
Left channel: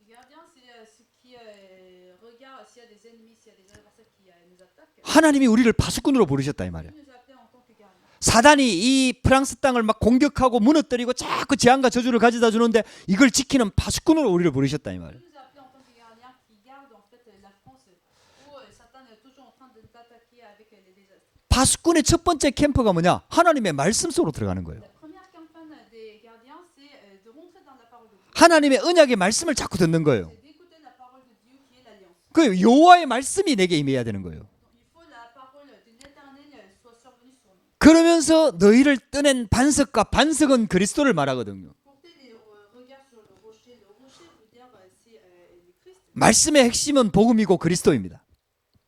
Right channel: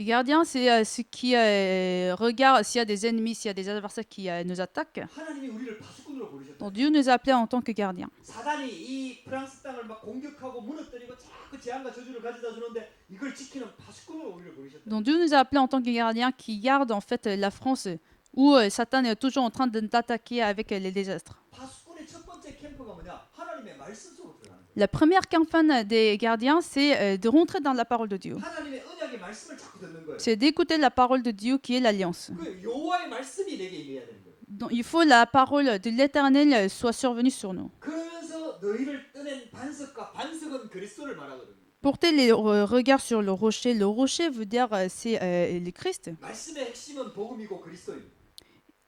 Gardien, c'est ce qui regarde s'il y a des ennemis, s'il y a des adversaires qui nous attaquent. 하나님이 우리를 바수꾼으로 부르셨다 이 Donc, Dieu 말이에요. nous a appelés en tant que gardiens. 사단이 이 프랑스 땅을 막 공격하고 무너뜨리고 자꾸 재앙과 저주를 가져다 주는데 이걸 지키는 바수꾼으로 우리를 부르셨다 이 Donc Dieu 말이에요. nous a appelés en tant que gardiens qui gardent en fait la France où Satan est toujours en train de t'attaquer avec les désastres. 바수꾼의 첫 번째 캠프가 뭐냐? 하나님의 말씀 속으로 들어가는 거예요. La première campagne des gardiens, c'est de rentrer dans la parole de Dieu. 하나님의 언약의 말씀을 자꾸 듣는 거예요. C'est d'écouter la parole de Dieu qui est l'alliance. 그 여호와의 말씀이 내게 임해야 되는 거예요. Donc il faut la parole de l'Éternel soit survenue sur nous. 그러면서 너희를 떠낸 반석과 반석은 그리스도를 말하거든요. Porter les regards sur le rocher. Le rocher veut dire c'est le Christ. 말씀의 핵심은 복음이고 그리스도입니다.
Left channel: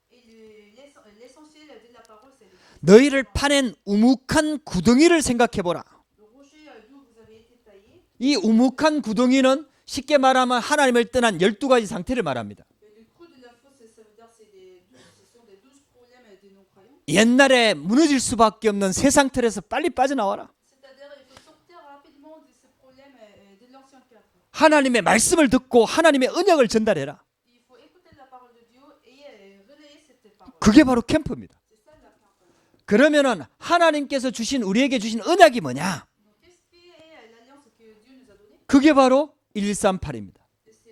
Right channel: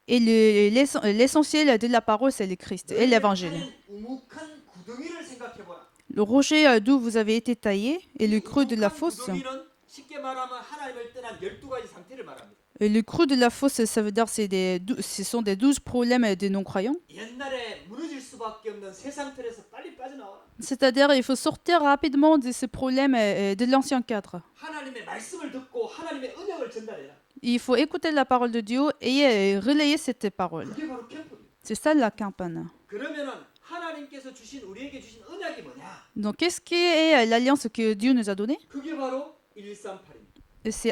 Et l'essentiel de la parole, c'est le Christ. Et 너희를 l'évangile. 파낸 우묵한 구덩이를 생각해 보라. Le rocher d'où vous avez été taillé et 이 le creux de la 우묵한 fosse. 구덩이는 쉽게 말하면 하나님을 떠난 12가지 상태를 말합니다. Et le creux de la fosse, ça veut dire ce sont des 12 problèmes des non-croyants. 옛날에 무너질 수밖에 없는 세상 틀에서 빨리 빠져나와라. C'est-à-dire il faut sortir rapidement de ces problèmes de l'ancien cadre. 하나님의 말씀을 듣고 하나님의 언약을 전달해라. Il faut écouter la parole de Dieu et relayer cette parole. 그게 바로 캠프입니다. C'est ça la campagne. 그러면은 하나님께서 우리에게 주신 언약이 뭐냐? Donc qu'est-ce qui est l'alliance que Dieu nous a donnée? 그게 바로 138입니다. C'est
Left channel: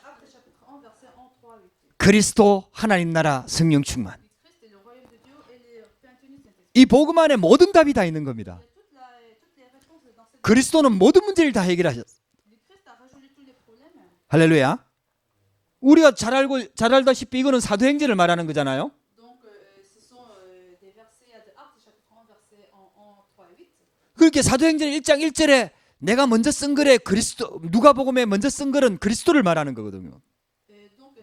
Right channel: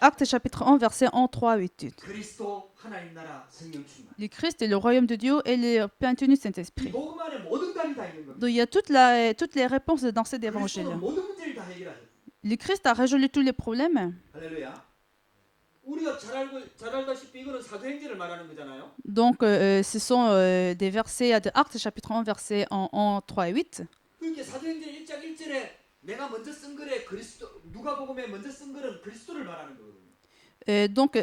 Actes chapitre 1 verset 1, 3, 8. 그리스도 하나님 나라 성령 충만. Le Christ est le royaume de Dieu et le plénitude du Saint-Esprit. 이 복음 안에 모든 답이 다 있는 Donc il y 겁니다. a toutes les réponses dans cette 그리스도는 évangile. 모든 문제를 다 해결하셨어요. Le Christ a résolu tous les problèmes. 할렐루야. 우리가 잘 알다시피 이거는 사도행전을 말하는 거잖아요. Donc ce sont des versets de Actes chapitre 1 verset 1, 3 et 8. 그렇게 사도행전 1장 1절에 내가 먼저 쓴 글에 그리스도 누가복음에 먼저 쓴 글은 그리스도를 말하는 거거든요. Donc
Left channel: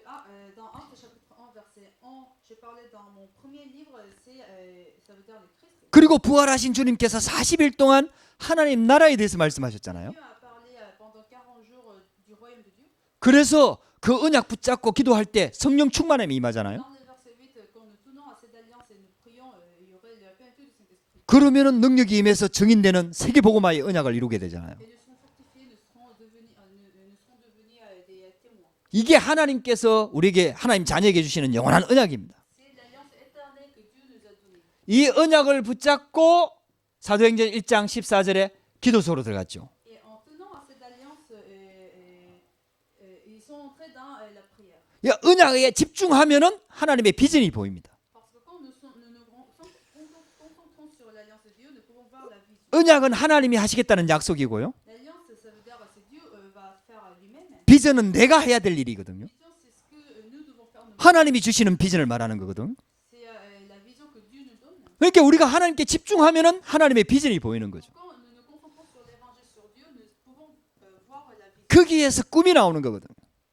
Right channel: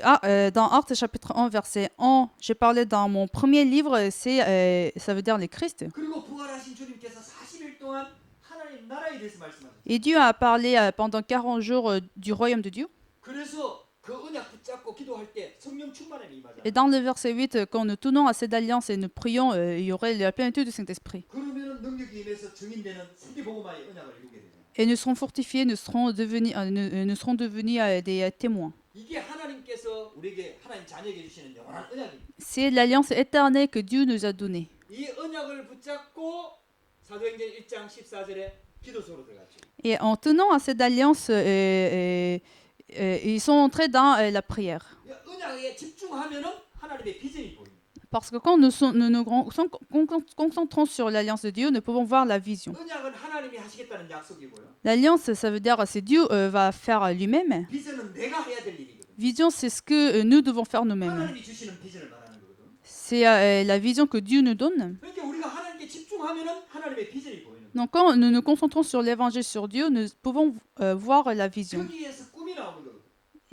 dans Actes chapitre 1 verset 1, j'ai parlé dans mon premier livre, ça veut dire le Christ. 그리고 부활하신 주님께서 40일 동안 하나님 나라에 대해서 Et 말씀하셨잖아요. Dieu a parlé pendant 40 jours du royaume de Dieu. 그래서 그 언약 붙잡고 기도할 때 성령 충만함이 Et 임하잖아요. dans le verset 8, quand nous tenons à cette alliance et nous prions, il y aurait la plénitude du Saint-Esprit. 그러면은 능력이 임해서 증인되는 세계 복음화의 언약을 이루게 되잖아요. Et nous serons fortifiés, nous serons devenus des témoins. 이게 하나님께서 우리에게 하나님 자녀에게 주시는 영원한 언약입니다. C'est l'alliance éternelle que Dieu nous a donnée. 이 언약을 붙잡고 사도행전 1장 14절에 기도소로 들어갔죠. Et en tenant à cette alliance, ils sont entrés dans la prière. 이 언약에 집중하면은 하나님의 비전이 보입니다. Parce que quand nous concentrons sur l'alliance de Dieu, nous pouvons voir la vision. 언약은 하나님이 하시겠다는 약속이고요. L'alliance, ça veut dire c'est Dieu va faire lui-même. 비전은 내가 해야 될 일이거든요. Vision, c'est ce que nous devons faire nous-mêmes. 하나님이 주시는 비전을 말하는 거거든. C'est la vision que Dieu nous donne. 그러니까 우리가 하나님께 집중하면은 하나님의 비전이 보이는 거죠. Donc quand nous nous concentrons sur l'évangile, sur Dieu, nous pouvons voir la vision. 거기에서 꿈이 나오는 거거든.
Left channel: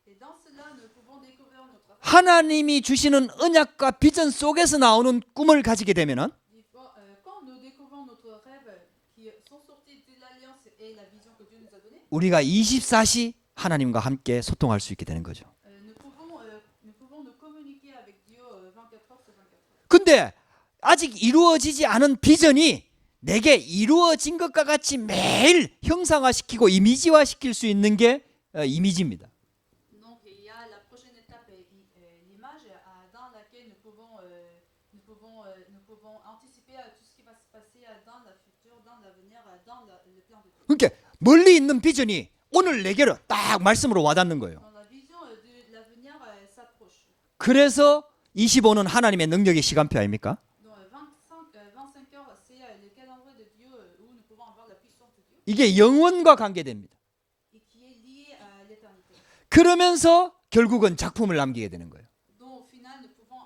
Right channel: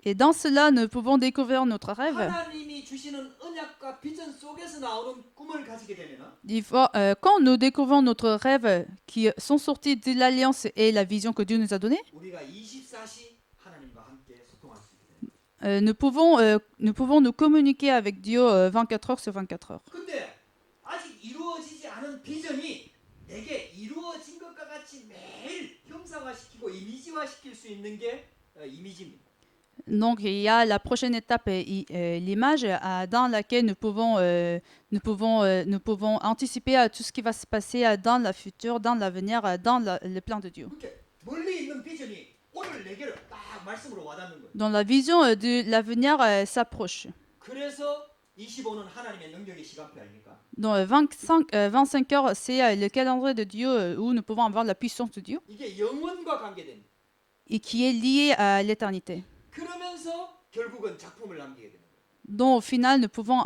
Et dans cela, nous pouvons découvrir notre rêve. 하나님이 주시는 언약과 비전 속에서 나오는 꿈을 가지게 되면은 Quand nous découvrons notre rêve qui sont sortis de l'alliance et la vision que Dieu nous a donnée, 우리가 24시 하나님과 함께 소통할 수 있게 되는 거죠. nous pouvons nous communiquer avec Dieu 24 heures sur 24 heures. 근데 아직 이루어지지 않은 비전이 내게 이루어진 것과 같이 매일 형상화시키고 이미지화시킬 수 있는 게 이미지입니다. Donc il y a la prochaine étape, l'image dans laquelle nous pouvons anticiper à tout ce qui va se passer dans le futur, dans l'avenir, dans le plan de Dieu. 그러니까 멀리 있는 비전이 오늘 내게로 딱 말씀으로 와닿는 거예요. Donc la vision de l'avenir s'approche. 그래서 25는 하나님의 능력의 시간표 아닙니까? Donc 25 heures, c'est le calendrier de Dieu où nous pouvons avoir la puissance de Dieu 이게 영원과 관계됩니다. et qui est lié à l'éternité. 그러면서 결국은 작품을 남기게 되는 거예요. Donc au final, nous pouvons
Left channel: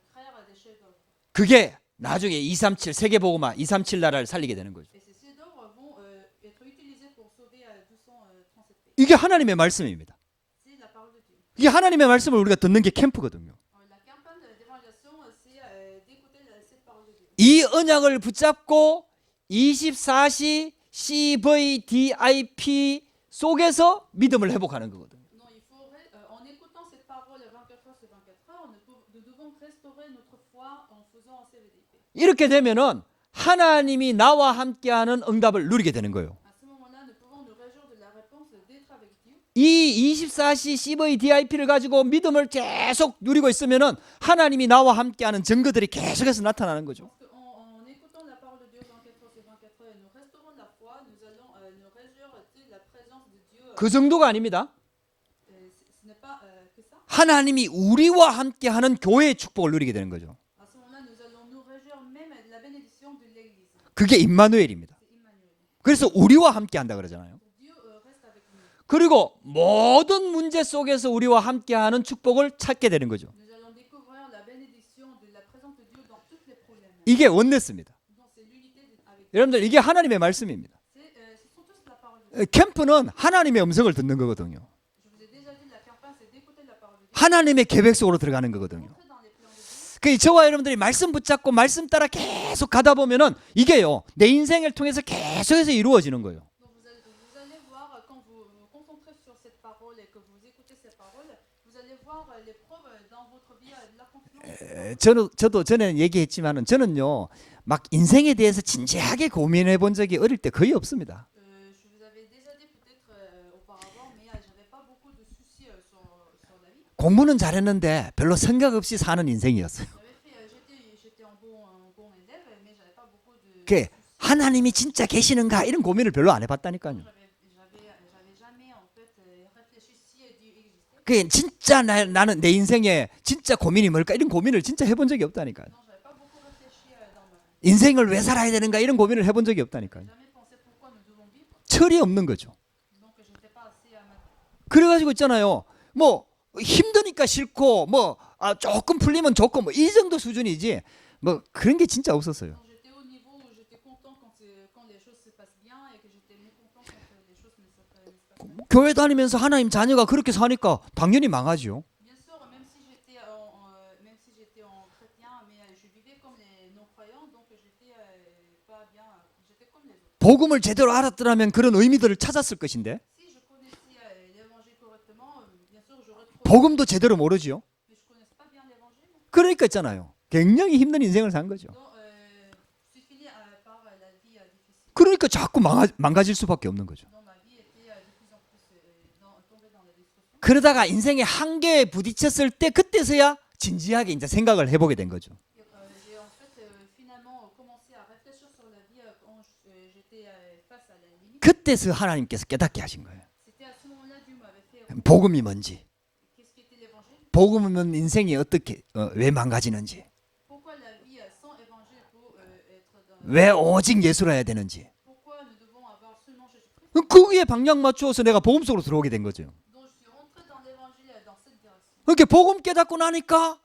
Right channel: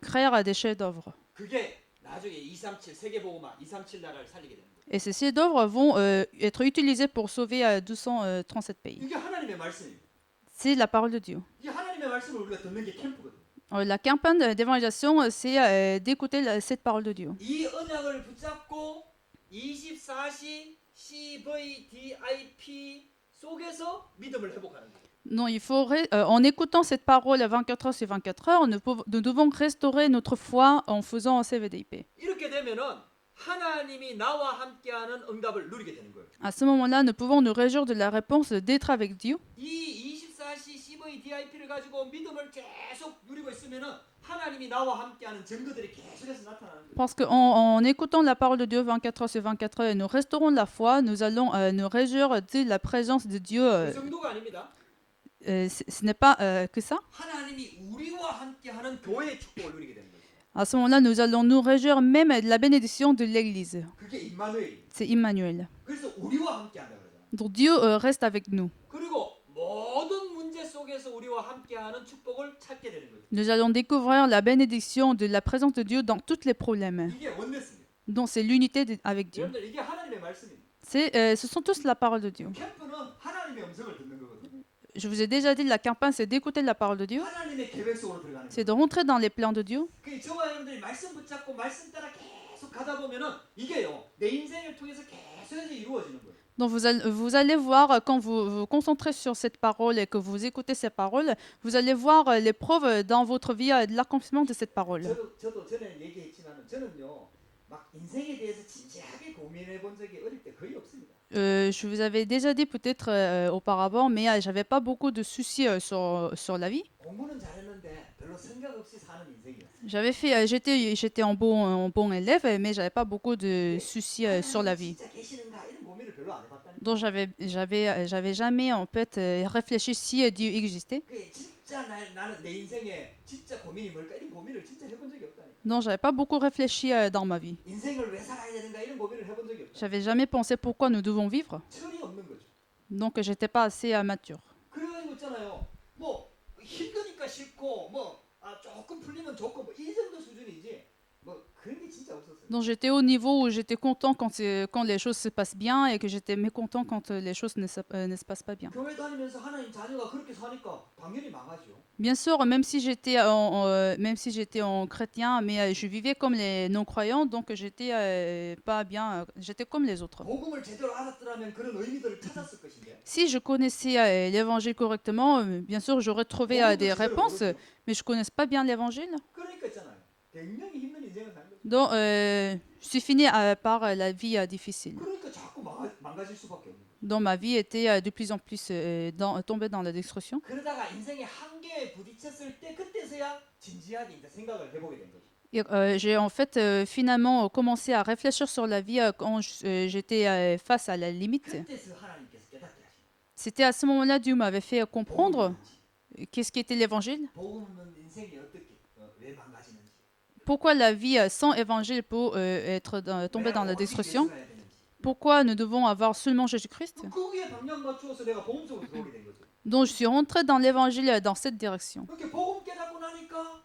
créer des chefs-d'œuvre. 그게 나중에 237 세계복음화 237 나라를 살리게 되는 거죠. Et ces chefs-d'œuvre vont être utilisés pour sauver 237 pays. 이게 하나님의 말씀입니다. C'est la parole de Dieu. 이게 하나님의 말씀을 우리가 듣는 게 캠프거든요. La campagne d'évangélisation, c'est d'écouter cette parole de Dieu. 이 언약을 붙잡고 24시 CVDIP 속에서 믿음을 회복하는 거거든요. Non, il faut en écoutant cette parole à 24 heures sur 24 heures, nous devons restaurer notre foi en faisant un CVDIP. 이렇게 되면은 하나님이 나와 함께하는 응답을 누리게 되는 거예요. À ce moment-là, nous pouvons nous réjouir de la réponse d'être avec Dieu. 이 24시 CVDIP를 가지고 믿음을 계속 누리고 있으면은 하나님이 나와 함께하는 증거들이 계속해서 나타나는 거죠. Parce qu'en écoutant la parole de Dieu 24 heures sur 24 heures et nous restaurons la foi, nous allons nous réjouir de la présence de Dieu. 그 정도가 아닙니다. Ce n'est pas que ça. 하나님이 우리와 함께하는 교회의 축복을 누리게 되는 거죠. À ce moment-là, nous allons nous réjouir même de la bénédiction de l'Église. 그게 임마누엘입니다. C'est Emmanuel. 그래서 우리와 함께한다 그러잖아요. Donc Dieu reste avec nous. 그리고 모든 문제 속에서 우리와 함께하는 축복을 찾게 되는 거죠. Nous allons découvrir la bénédiction de la présence de Dieu dans tous les problèmes. 이게 원네스입니다. Donc c'est l'unité avec Dieu. 여러분들 이게 하나님의 말씀입니다. Ce sont tous la parole de Dieu. 캠프는 하나님의 음성을 듣는 거거든요. Je vous ai déjà dit, la campagne, c'est d'écouter la parole de Dieu. 하나님의 계획 속으로 들어가는 C'est de 거거든요. rentrer dans les plans de Dieu. 그 저와 여러분들이 말씀 붙잡고 말씀 따라 계속 가다 보면은 이게요 내 인생을 통해서 계속해서 이루어지는 거예요. Donc vous allez voir, quand vous vous concentrez sur cette parole et que vous écoutez ces paroles, vous allez voir les preuves dans votre vie de l'accomplissement de cette parole. 저도 전에 얘기했지만은 저는요 막 인생에 대해서 진지하게 고민해 본 적이 어릴 때 거의 없습니다. Je vous avais déjà dit peut-être auparavant, mais j'avais pas beaucoup de soucis sur la vie. 공부는 잘했는데 별로 생각 없이 사는 인생이었어요. J'étais un bon élève, mais j'avais pas beaucoup de 그 soucis sur la 하나님이 vie. 진짜 계시는가 이런 고민을 별로 안 해봤다니까요. Donc j'avais jamais en fait réfléchi si Dieu existait. 그 진짜 나는 내 인생에 진짜 고민이 뭘까 이런 고민을 진짜 해본 적이 없다니까요. Donc j'avais pas beaucoup réfléchi dans ma vie. 인생을 왜 살아야 되는가 이런 고민을 해본 적이 J'avais 없다니까요. jamais pensé pourquoi nous devons vivre. 철이 없는 거죠. Donc j'étais pas assez mature. 그래가지고 있잖아요. 뭐 힘드니까 싫고 뭐 조금 풀리면 좋고 뭐 이 정도 수준이지 뭐 그런 게 진짜 없었어요. Donc j'étais au niveau où j'étais content quand les choses se passent bien et que j'étais mécontent quand les choses ne se passent pas bien. 교회 다니면서 하나님 자녀가 그렇게 사니까 당연히 망하죠. Bien sûr, même si j'étais en chrétien, mais je vivais comme les non-croyants, donc j'étais pas bien, j'étais comme les autres. 복음을 제대로 알았더라면 그런 의미들을 찾았을 것인데 Si je connaissais l'évangile correctement, bien sûr, j'aurais trouvé 복음도 des 제대로 réponses, 모르지요. mais je connais pas bien l'évangile. 그러니까 있잖아요. 굉장히 힘든 인생을 산 거죠. Donc, je suis fini par la vie difficile. 그러니까 자꾸 망가질 수밖에 없는 거죠. Donc ma vie était de plus en plus tombée dans la destruction. 그러다가 인생의 한계에 부딪혔을 때 그때서야 진지하게 이제 생각을 해보게 된 거죠. Et, j'ai en fait finalement commencé à réfléchir sur la vie quand j'étais face à la limite. 그때서 하나님께서 깨닫게 하신 거예요. C'était à ce moment-là Dieu m'avait fait 복음이 comprendre 뭔지, qu'est-ce qu'était l'évangile, 복음은 인생이 어떻게 왜 망가지는지, pourquoi la vie sans évangile peut être dans 왜 la 오직 destruction, 예수를 해야 되는지. pourquoi nous devons avoir seulement Jésus-Christ. 거기에 방향 맞추어서 내가 복음 속으로 들어오게 된 거죠. Donc je suis rentrée dans l'évangile dans cette direction. 그렇게 복음 깨닫고 나니까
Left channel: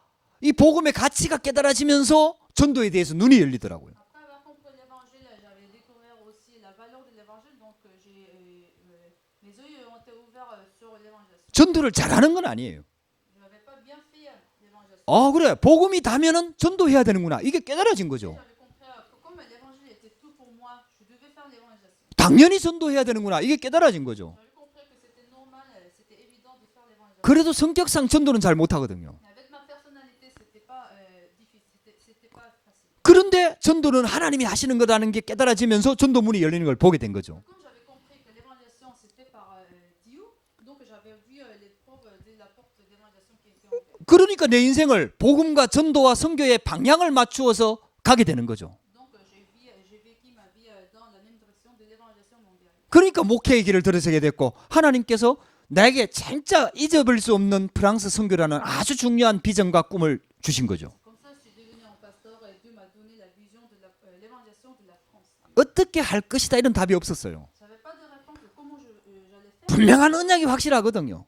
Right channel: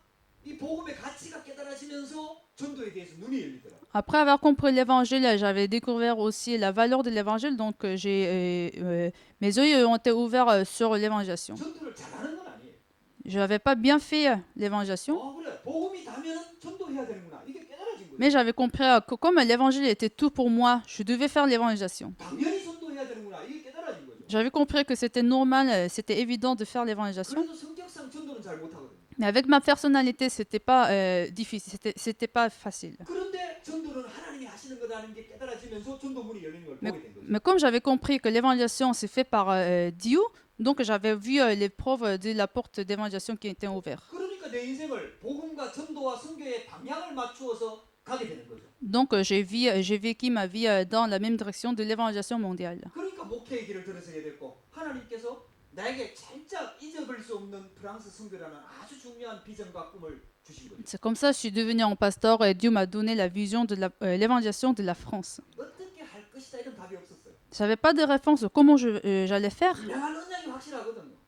이 복음의 가치가 깨달아지면서 전도에 대해서 눈이 열리더라고요. Après avoir compris l'évangile, j'avais découvert aussi la valeur de l'évangile, donc mes yeux ont été ouverts sur l'évangélisation. 전도를 잘하는 건 아니에요. Je n'avais pas bien fait l'évangélisation, 그래. 복음이 다면은 전도해야 되는구나. 이게 깨달아진 거죠. mais j'avais compris que comme l'évangile était tout pour moi, je devais faire l'évangélisation. 당연히 전도해야 되는구나. 이게 깨달아진 거죠. J'avais compris que c'était normal, c'était évident de faire l'évangélisation. 그래도 성격상 전도는 잘 못하거든요. Mais avec ma personnalité, c'était pas difficile, c'était pas facile. 그런데 전도는 하나님이 하시는 거라는 게 깨달아지면서 전도문이 열리는 걸 보게 된 거죠. Mais comme j'avais compris que l'évangélisation c'est fait par Dieu, donc j'avais vu les preuves de la porte d'évangélisation qui était ouverte. 그러니까 내 인생을 복음과 전도와 선교의 방향을 맞추어서 가게 되는 거죠. Donc j'ai vécu ma vie dans la même direction de l'évangélisation mondiale. 그러니까 목회의 길을 들어서게 됐고 하나님께서 나에게 진짜 잊어버릴 수 없는 프랑스 선교라는 아주 중요한 비전과 꿈을 주신 거죠. C'est comme ça que je suis devenue un pasteur et Dieu m'a donné la vision de l'évangélisation de la France. 어떻게 할 것이다 이런 답이 없었어요. J'avais pas de réponse de comment j'allais faire, 분명한 언약이 확실하거든요.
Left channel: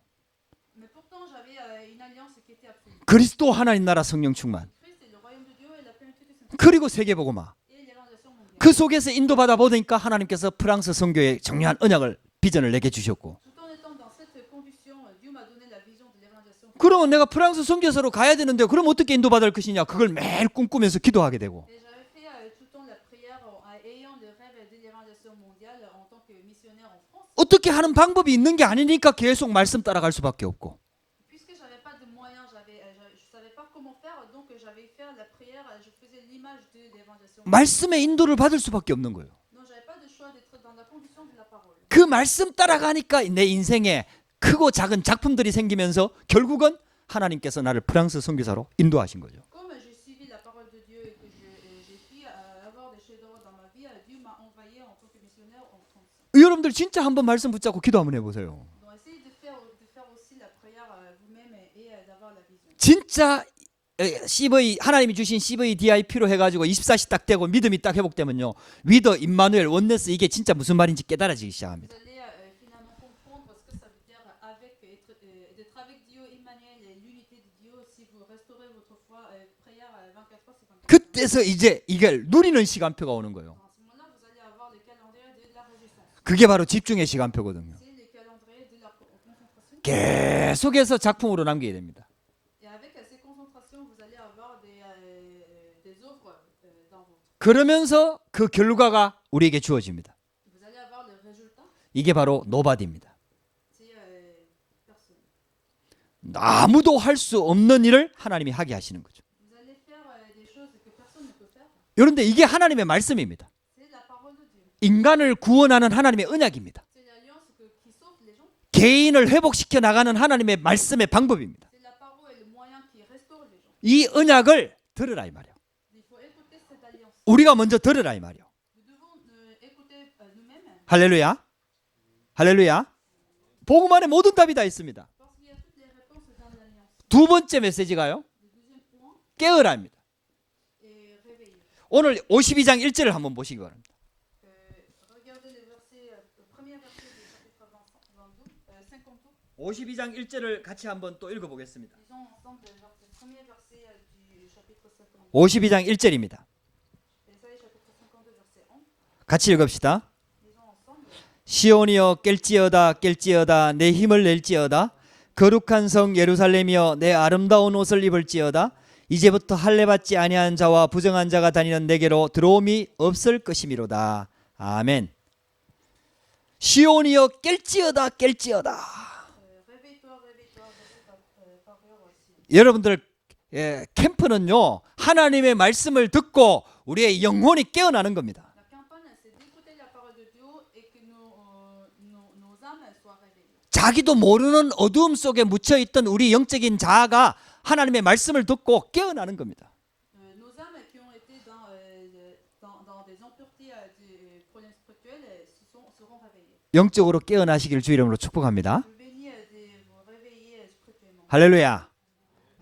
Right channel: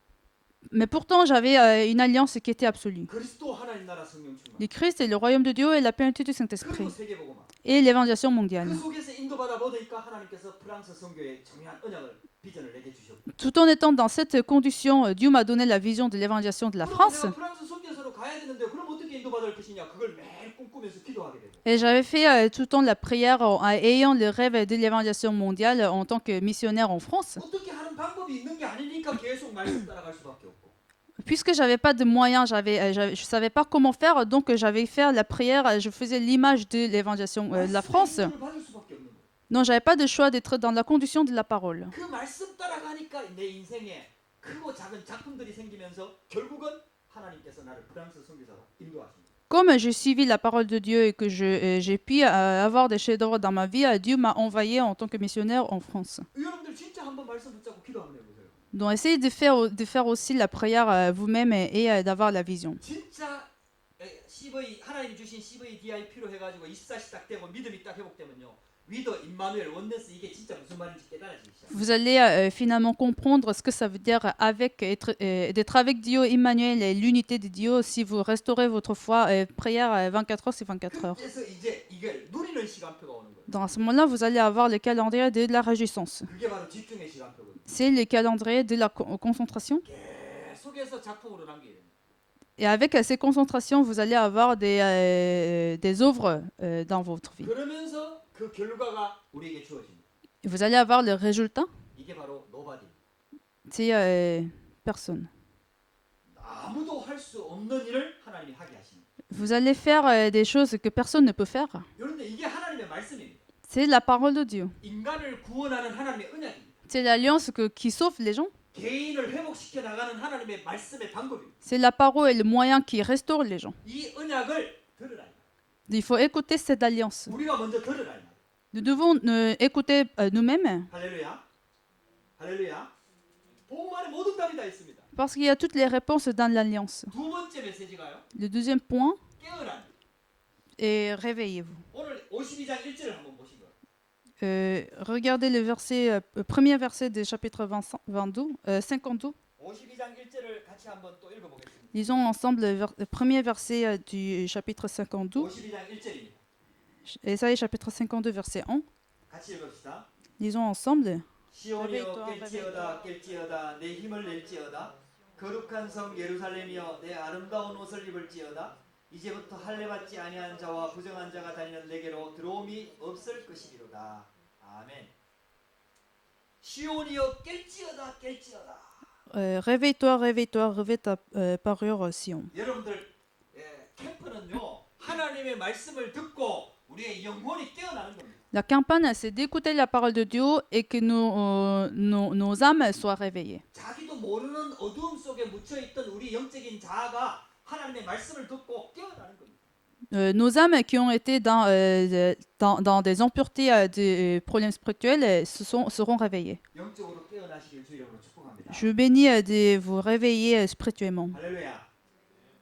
mais pourtant j'avais une alliance qui était absolue. 그리스도 하나님 나라 성령 충만. Le Christ et le royaume de Dieu et la plénitude du Saint-Esprit 그리고 세계복음화. et l'évangélisation mondiale. 그 속에서 인도받아 보니까 하나님께서 프랑스 선교의 중요한 언약을 비전을 내게 주셨고. Tout en étant dans cette condition, Dieu m'a donné la vision de l'évangélisation de la 그러면 내가 France. 프랑스 선교사로 가야 되는데 그럼 어떻게 인도받을 것이냐 그걸 매일 꿈꾸면서 기도하게 되고. Et j'avais fait tout le temps la prière en ayant le rêve de l'évangélisation mondiale en tant que missionnaire en France. 어떻게 하는 방법이 있는 게 아니니까 계속 말씀 따라갈 수밖에 없고. Puisque j'avais pas de moyens, je savais pas comment faire, donc j'avais fait la prière, je faisais l'image de l'évangélisation de la 말씀의 France. 인도를 받을 수밖에 없는 거예요. Non, j'avais pas de choix d'être dans la condition de la parole. 그 말씀 따라가니까 내 인생에 크고 작은 작품들이 생기면서 결국은 하나님께서 나를 프랑스 선교사로 인도하신 거죠. Comme j'ai suivi la parole de Dieu et que j'ai pu avoir des chefs-d'œuvre dans ma vie, Dieu m'a envoyé en tant que missionnaire en France. 여러분들 진짜 한번 말씀 붙잡고 기도 한번 해보세요. Donc essayez de faire aussi la prière vous-même et d'avoir la vision. 진짜 CV 하나님이 주신 CVDIP로 해가지고 24시 딱 되고 믿음이 딱 회복되면요. 위더 임마누엘 원네스 이게 진짜 무슨 말인지 깨달아지기 시작합니다. Vous allez finalement comprendre ce que ça veut dire d'être avec Dieu, Emmanuel et l'unité de Dieu si vous restaurez votre foi. Prière 24 heures, c'est 24 heures. 그때서 이제 이걸 누리는 시간표가 오는 거예요. Dans ce moment-là, vous allez avoir le calendrier de la réjouissance. 그게 바로 집중의 시간표거든요. C'est le calendrier de la concentration. 계속해서 작품으로 남기게 됩니다. Et avec ces concentrations, vous allez avoir des œuvres dans votre vie. 그러면서 그 결과가 우리에게 주어집니다. Vous allez avoir le résultat. 이게 바로 노바디입니다. C'est personne. 아무도 할 수 없는 일을 하나님이 하게 하시는 거죠. Vous allez faire des choses que personne ne peut faire. 그런데 이게 하나님의 말씀입니다. C'est la parole de Dieu. 인간을 구원하는 하나님의 언약입니다. C'est l'alliance qui sauve les gens. 개인을 회복시켜 나가는 하나님의 말씀의 방법입니다. C'est la parole et le moyen qui restaure les gens. 이 언약을 들으라 이 말이야. Il faut écouter cette alliance. 우리가 먼저 들으라 이 말이야. Nous devons écouter nous-mêmes 할렐루야. 할렐루야. 복음 안에 모든 답이 다 있습니다. parce qu'il y a toutes les réponses dans l'alliance. 두 번째 메시지가요. Le deuxième point 깨어라입니다. est réveillez-vous. 오늘 52장 1절을 한번 보시기 바랍니다. Regardez le premier verset du chapitre 52. 52장 1절을 같이 한번 또 읽어보겠습니다. Lisons ensemble le premier verset du chapitre 52. 52장 1절입니다. Ésaïe chapitre 52 verset 1. 같이 읽읍시다. Lisons ensemble. 시온이여 깰지어다 깰지어다 내 힘을 낼지어다 거룩한 성 예루살렘이여 내 아름다운 옷을 입을지어다 이제부터 할례 받지 아니한 자와 부정한 자가 다니는 내게로 들어옴이 없을 것이미로다. 아멘. 시온이여 깰지어다 깰지어다. Réveille-toi, réveille-toi, réveille ta parure, Sion. 여러분들 캠프는요 하나님의 말씀을 듣고 우리의 영혼이 깨어나는 겁니다. La campagne, c'est d'écouter la parole de Dieu et que nos âmes soient réveillées. 자기도 모르는 어두움 속에 묻혀 있던 우리 영적인 자아가 하나님의 말씀을 듣고 깨어나는 겁니다. Nos âmes qui ont été dans des impuretés, des problèmes spirituels, seront réveillées. 영적으로 깨어나시길 주 이름으로 축복합니다. Je bénis de vous réveiller spirituellement. 할렐루야.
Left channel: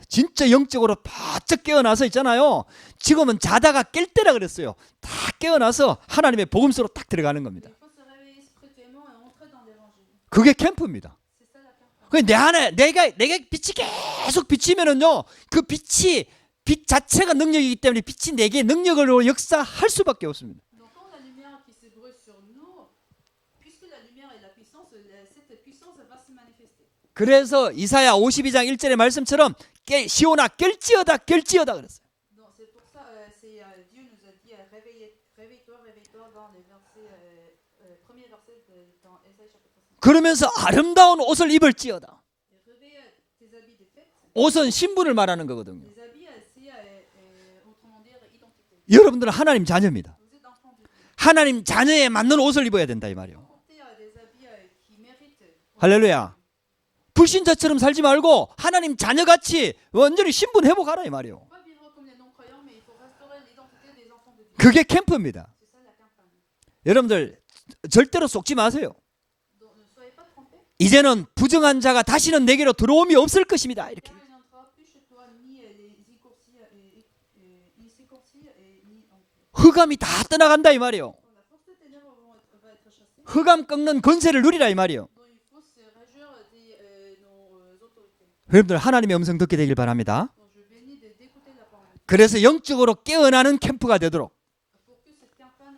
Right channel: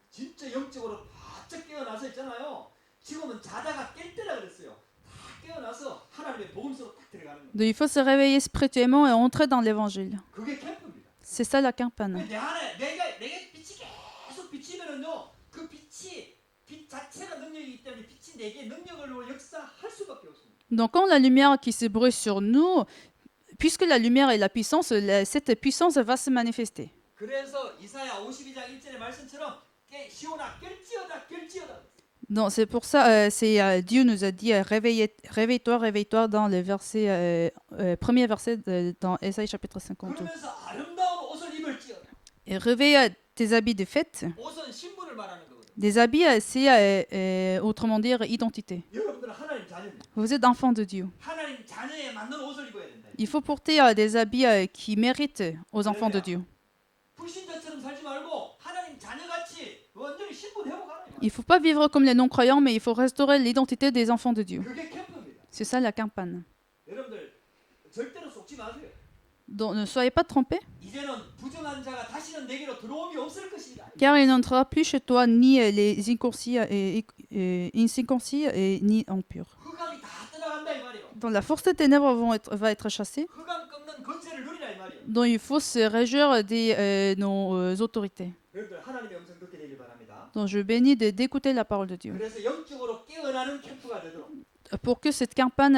진짜 영적으로 바짝 깨어나서 있잖아요. 지금은 자다가 깰 때라 그랬어요. 다 깨어나서 하나님의 복음서로 딱 들어가는 겁니다. Donc, il faut se réveiller spirituellement et entrer dans l'évangile. 그게 캠프입니다. C'est ça la campagne. 내 안에 내가 빛이 계속 비치면은요. 그 빛이 빛 자체가 능력이기 때문에 빛이 내게 능력으로 역사할 수밖에 없습니다. Donc quand la lumière qui se brûle sur nous, puisque la lumière est la puissance, cette puissance va se manifester. 그래서 이사야 52장 1절의 말씀처럼 시온아 깰지어다 깰지어다 그랬어요. Donc c'est pour ça, Dieu nous a dit réveille-toi, réveille-toi dans le verset, premier verset dans Ésaïe chapitre 5. 그러면서 아름다운 옷을 입을지어다. Et réveille tes habits de fête. 옷은 신분을 말하는 거거든요. Des habits, c'est autrement dire identité. 여러분들은 하나님 자녀입니다. Vous êtes enfants de Dieu. 하나님 자녀에 맞는 옷을 입어야 된다 이 Il 말이에요. faut porter des habits qui méritent aux Alléluia. enfants de Dieu. 불신자처럼 살지 말고 하나님 자녀같이 완전히 신분 회복하라 이 Il ne 말이에요. faut pas vivre comme les non-croyants, mais il faut restaurer l'identité des enfants de Dieu. 그게 캠프입니다. C'est ça la campagne. 여러분들 절대로 속지 마세요. Donc ne soyez pas trompés, 이제는 부정한 자가 다시는 내게로 들어옴이 없을 것입니다. car il n'entrera plus chez toi ni les incirconcis ni impurs. 흑암이 다 떠나간다 이 말이에요. Donc la force des ténèbres va être chassée. 흑암 꺾는 권세를 누리라 이 말이에요. Donc il faut se réjouir de nos autorités. 여러분들 하나님의 음성 듣게 되길 바랍니다. Donc je bénis d'écouter la parole de Dieu. 그래서 영적으로 깨어나는 캠프가 되도록 Pour que cette campagne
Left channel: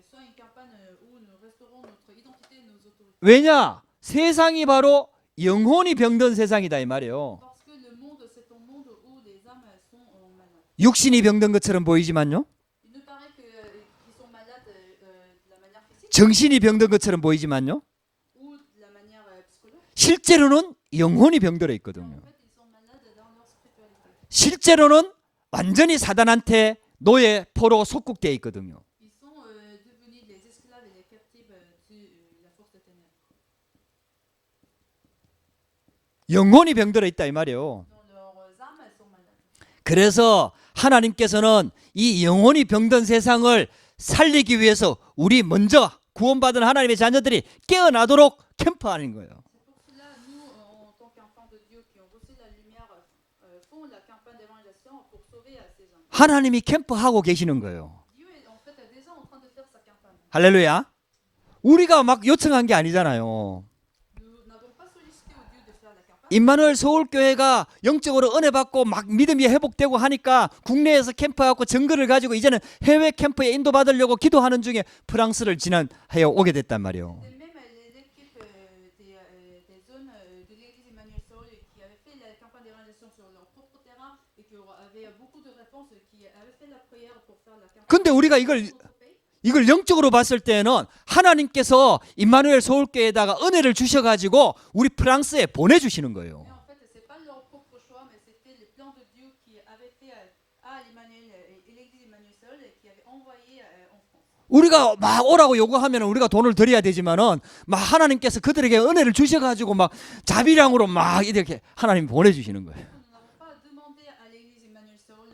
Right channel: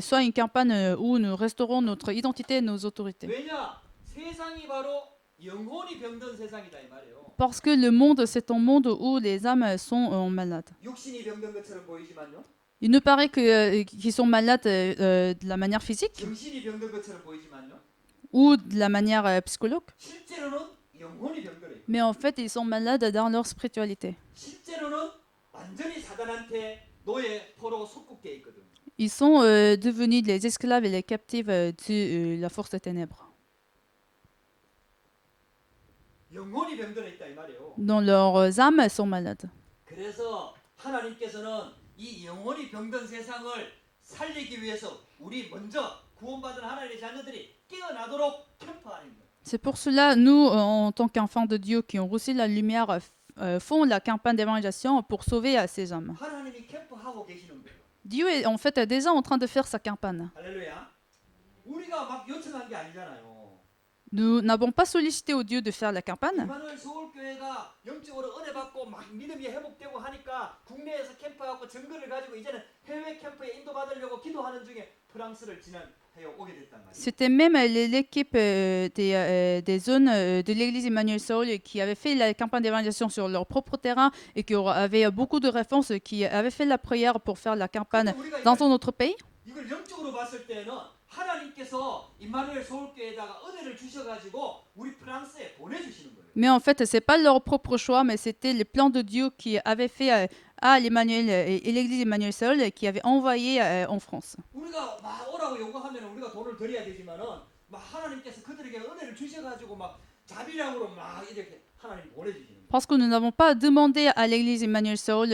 soit une campagne où nous restaurons notre identité et nos autorités. 왜냐? 세상이 바로 영혼이 병든 세상이다 이 말이에요. Parce que le monde, c'est un monde où les âmes sont malades. 육신이 병든 것처럼 보이지만요. Il nous paraît qu'ils sont malades de la manière physique 정신이 병든 것처럼 보이지만요. ou de la manière psychologique. 실제로는 영혼이 병들어 Mais 있거든요. en fait, ils sont malades dans leur spiritualité. 실제로는 완전히 사단한테 노예 포로 속국되어 있거든요. Ils sont devenus les esclaves et les captifs de la force des ténèbres. 영혼이 병들어 있다 이 말이에요. Dont leurs âmes sont malades. 그래서 하나님께서는 이 영혼이 병든 세상을 살리기 위해서 우리 먼저 구원받은 하나님의 자녀들이 깨어나도록 캠프하는 거예요. C'est pour cela, nous, en tant qu'enfants de Dieu qui ont reçu la lumière, font la campagne d'évangélisation pour sauver ces hommes. 하나님이 캠프하고 계시는 거예요. Dieu est en fait déjà en train de faire sa campagne. 할렐루야. 우리가 막 요청한 게 아니잖아요. Nous n'avons pas sollicité au Dieu de faire la campagne. 임마누엘 서울교회가 영적으로 은혜 받고 막 믿음이 회복되고 하니까 국내에서 캠프하고 증거를 가지고 이제는 해외 캠프에 인도받으려고 기도하는 중에 프랑스를 지난해에 오게 됐단 말이에요. C'était même l'équipe des zones de l'église Emmanuel Saul qui avait fait la campagne d'évangélisation sur leur propre terrain et qui avait beaucoup de réponses, qui avait fait la prière pour faire la campagne 근데 우리가 dans notre pays. 이걸 영적으로 봤을 때는 하나님께서 임마누엘 서울교회에다가 은혜를 주셔가지고 우리 프랑스에 보내주시는 거예요. Mais en fait, c'est pas leur propre choix, mais c'était le plan de Dieu qui avait fait à l'Emmanuel et l'église Emmanuel Saul qui avait envoyé en France. 우리가 막 오라고 요구하면 우리가 돈을 드려야 되지만은 막 하나님께서 그들에게 은혜를 주셔가지고 막 자비량으로 막 이렇게 하나님 보내주시는 거예요. Parce que nous n'avons pas demandé à l'église Emmanuel Saul,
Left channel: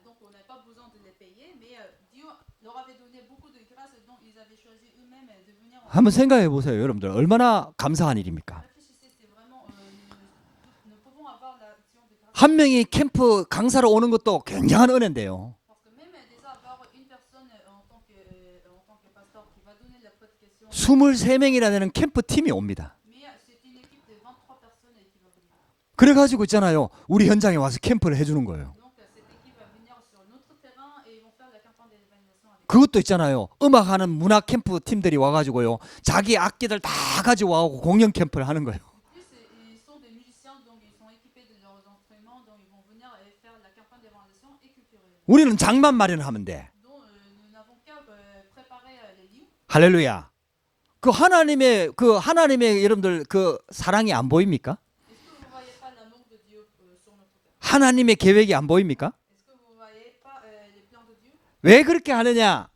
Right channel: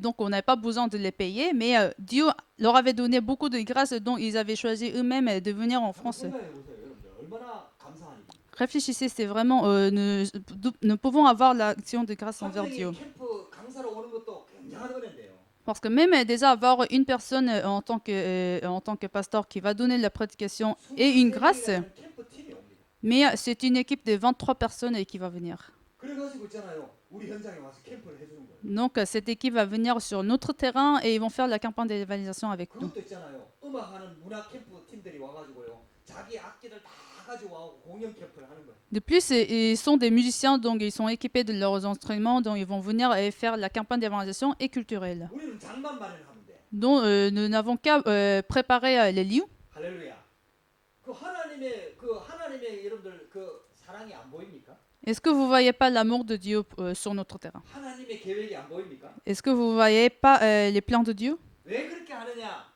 donc on n'avait pas besoin de les payer, mais Dieu leur avait donné beaucoup de grâce, dont ils avaient choisi eux-mêmes de venir en 한번 France. 생각해 보세요, 여러분들 얼마나 감사한 일입니까? Réfléchissez, c'est vraiment, nous pouvons avoir l'action de grâce. 한 de 명이 Dieu. 캠프 강사로 오는 것도 굉장한 은혜인데요. Parce que même déjà avoir une personne en tant que pasteur qui va donner la prédication et une 23명이나 grâce, 되는 캠프 팀이 옵니다. mais c'est une équipe de 23 personnes qui va venir. 그래가지고 있잖아요. 우리 현장에 와서 캠프를 해주는 거예요. Donc cette équipe va venir sur notre terrain et ils vont faire la campagne d'évangélisation avec nous. 그것도 있잖아요. 음악하는 문화 캠프 팀들이 와가지고요. 자기 악기들 다 가지고 와고 공연 캠프를 하는 거예요. De plus, ils sont des musiciens, donc ils sont équipés de leurs instruments, donc ils vont venir et faire la campagne d'évangélisation et culturelle. 우리는 장만 마련하면 돼. Donc nous n'avons qu'à préparer les lieux. 할렐루야. 그 하나님의 여러분들 그 사랑이 안 보입니까? Est-ce que vous voyez pas l'amour de Dieu sur notre terrain? 하나님의 계획이 안 보입니까? Est-ce que vous voyez pas les plans de Dieu? 왜 그렇게 하느냐?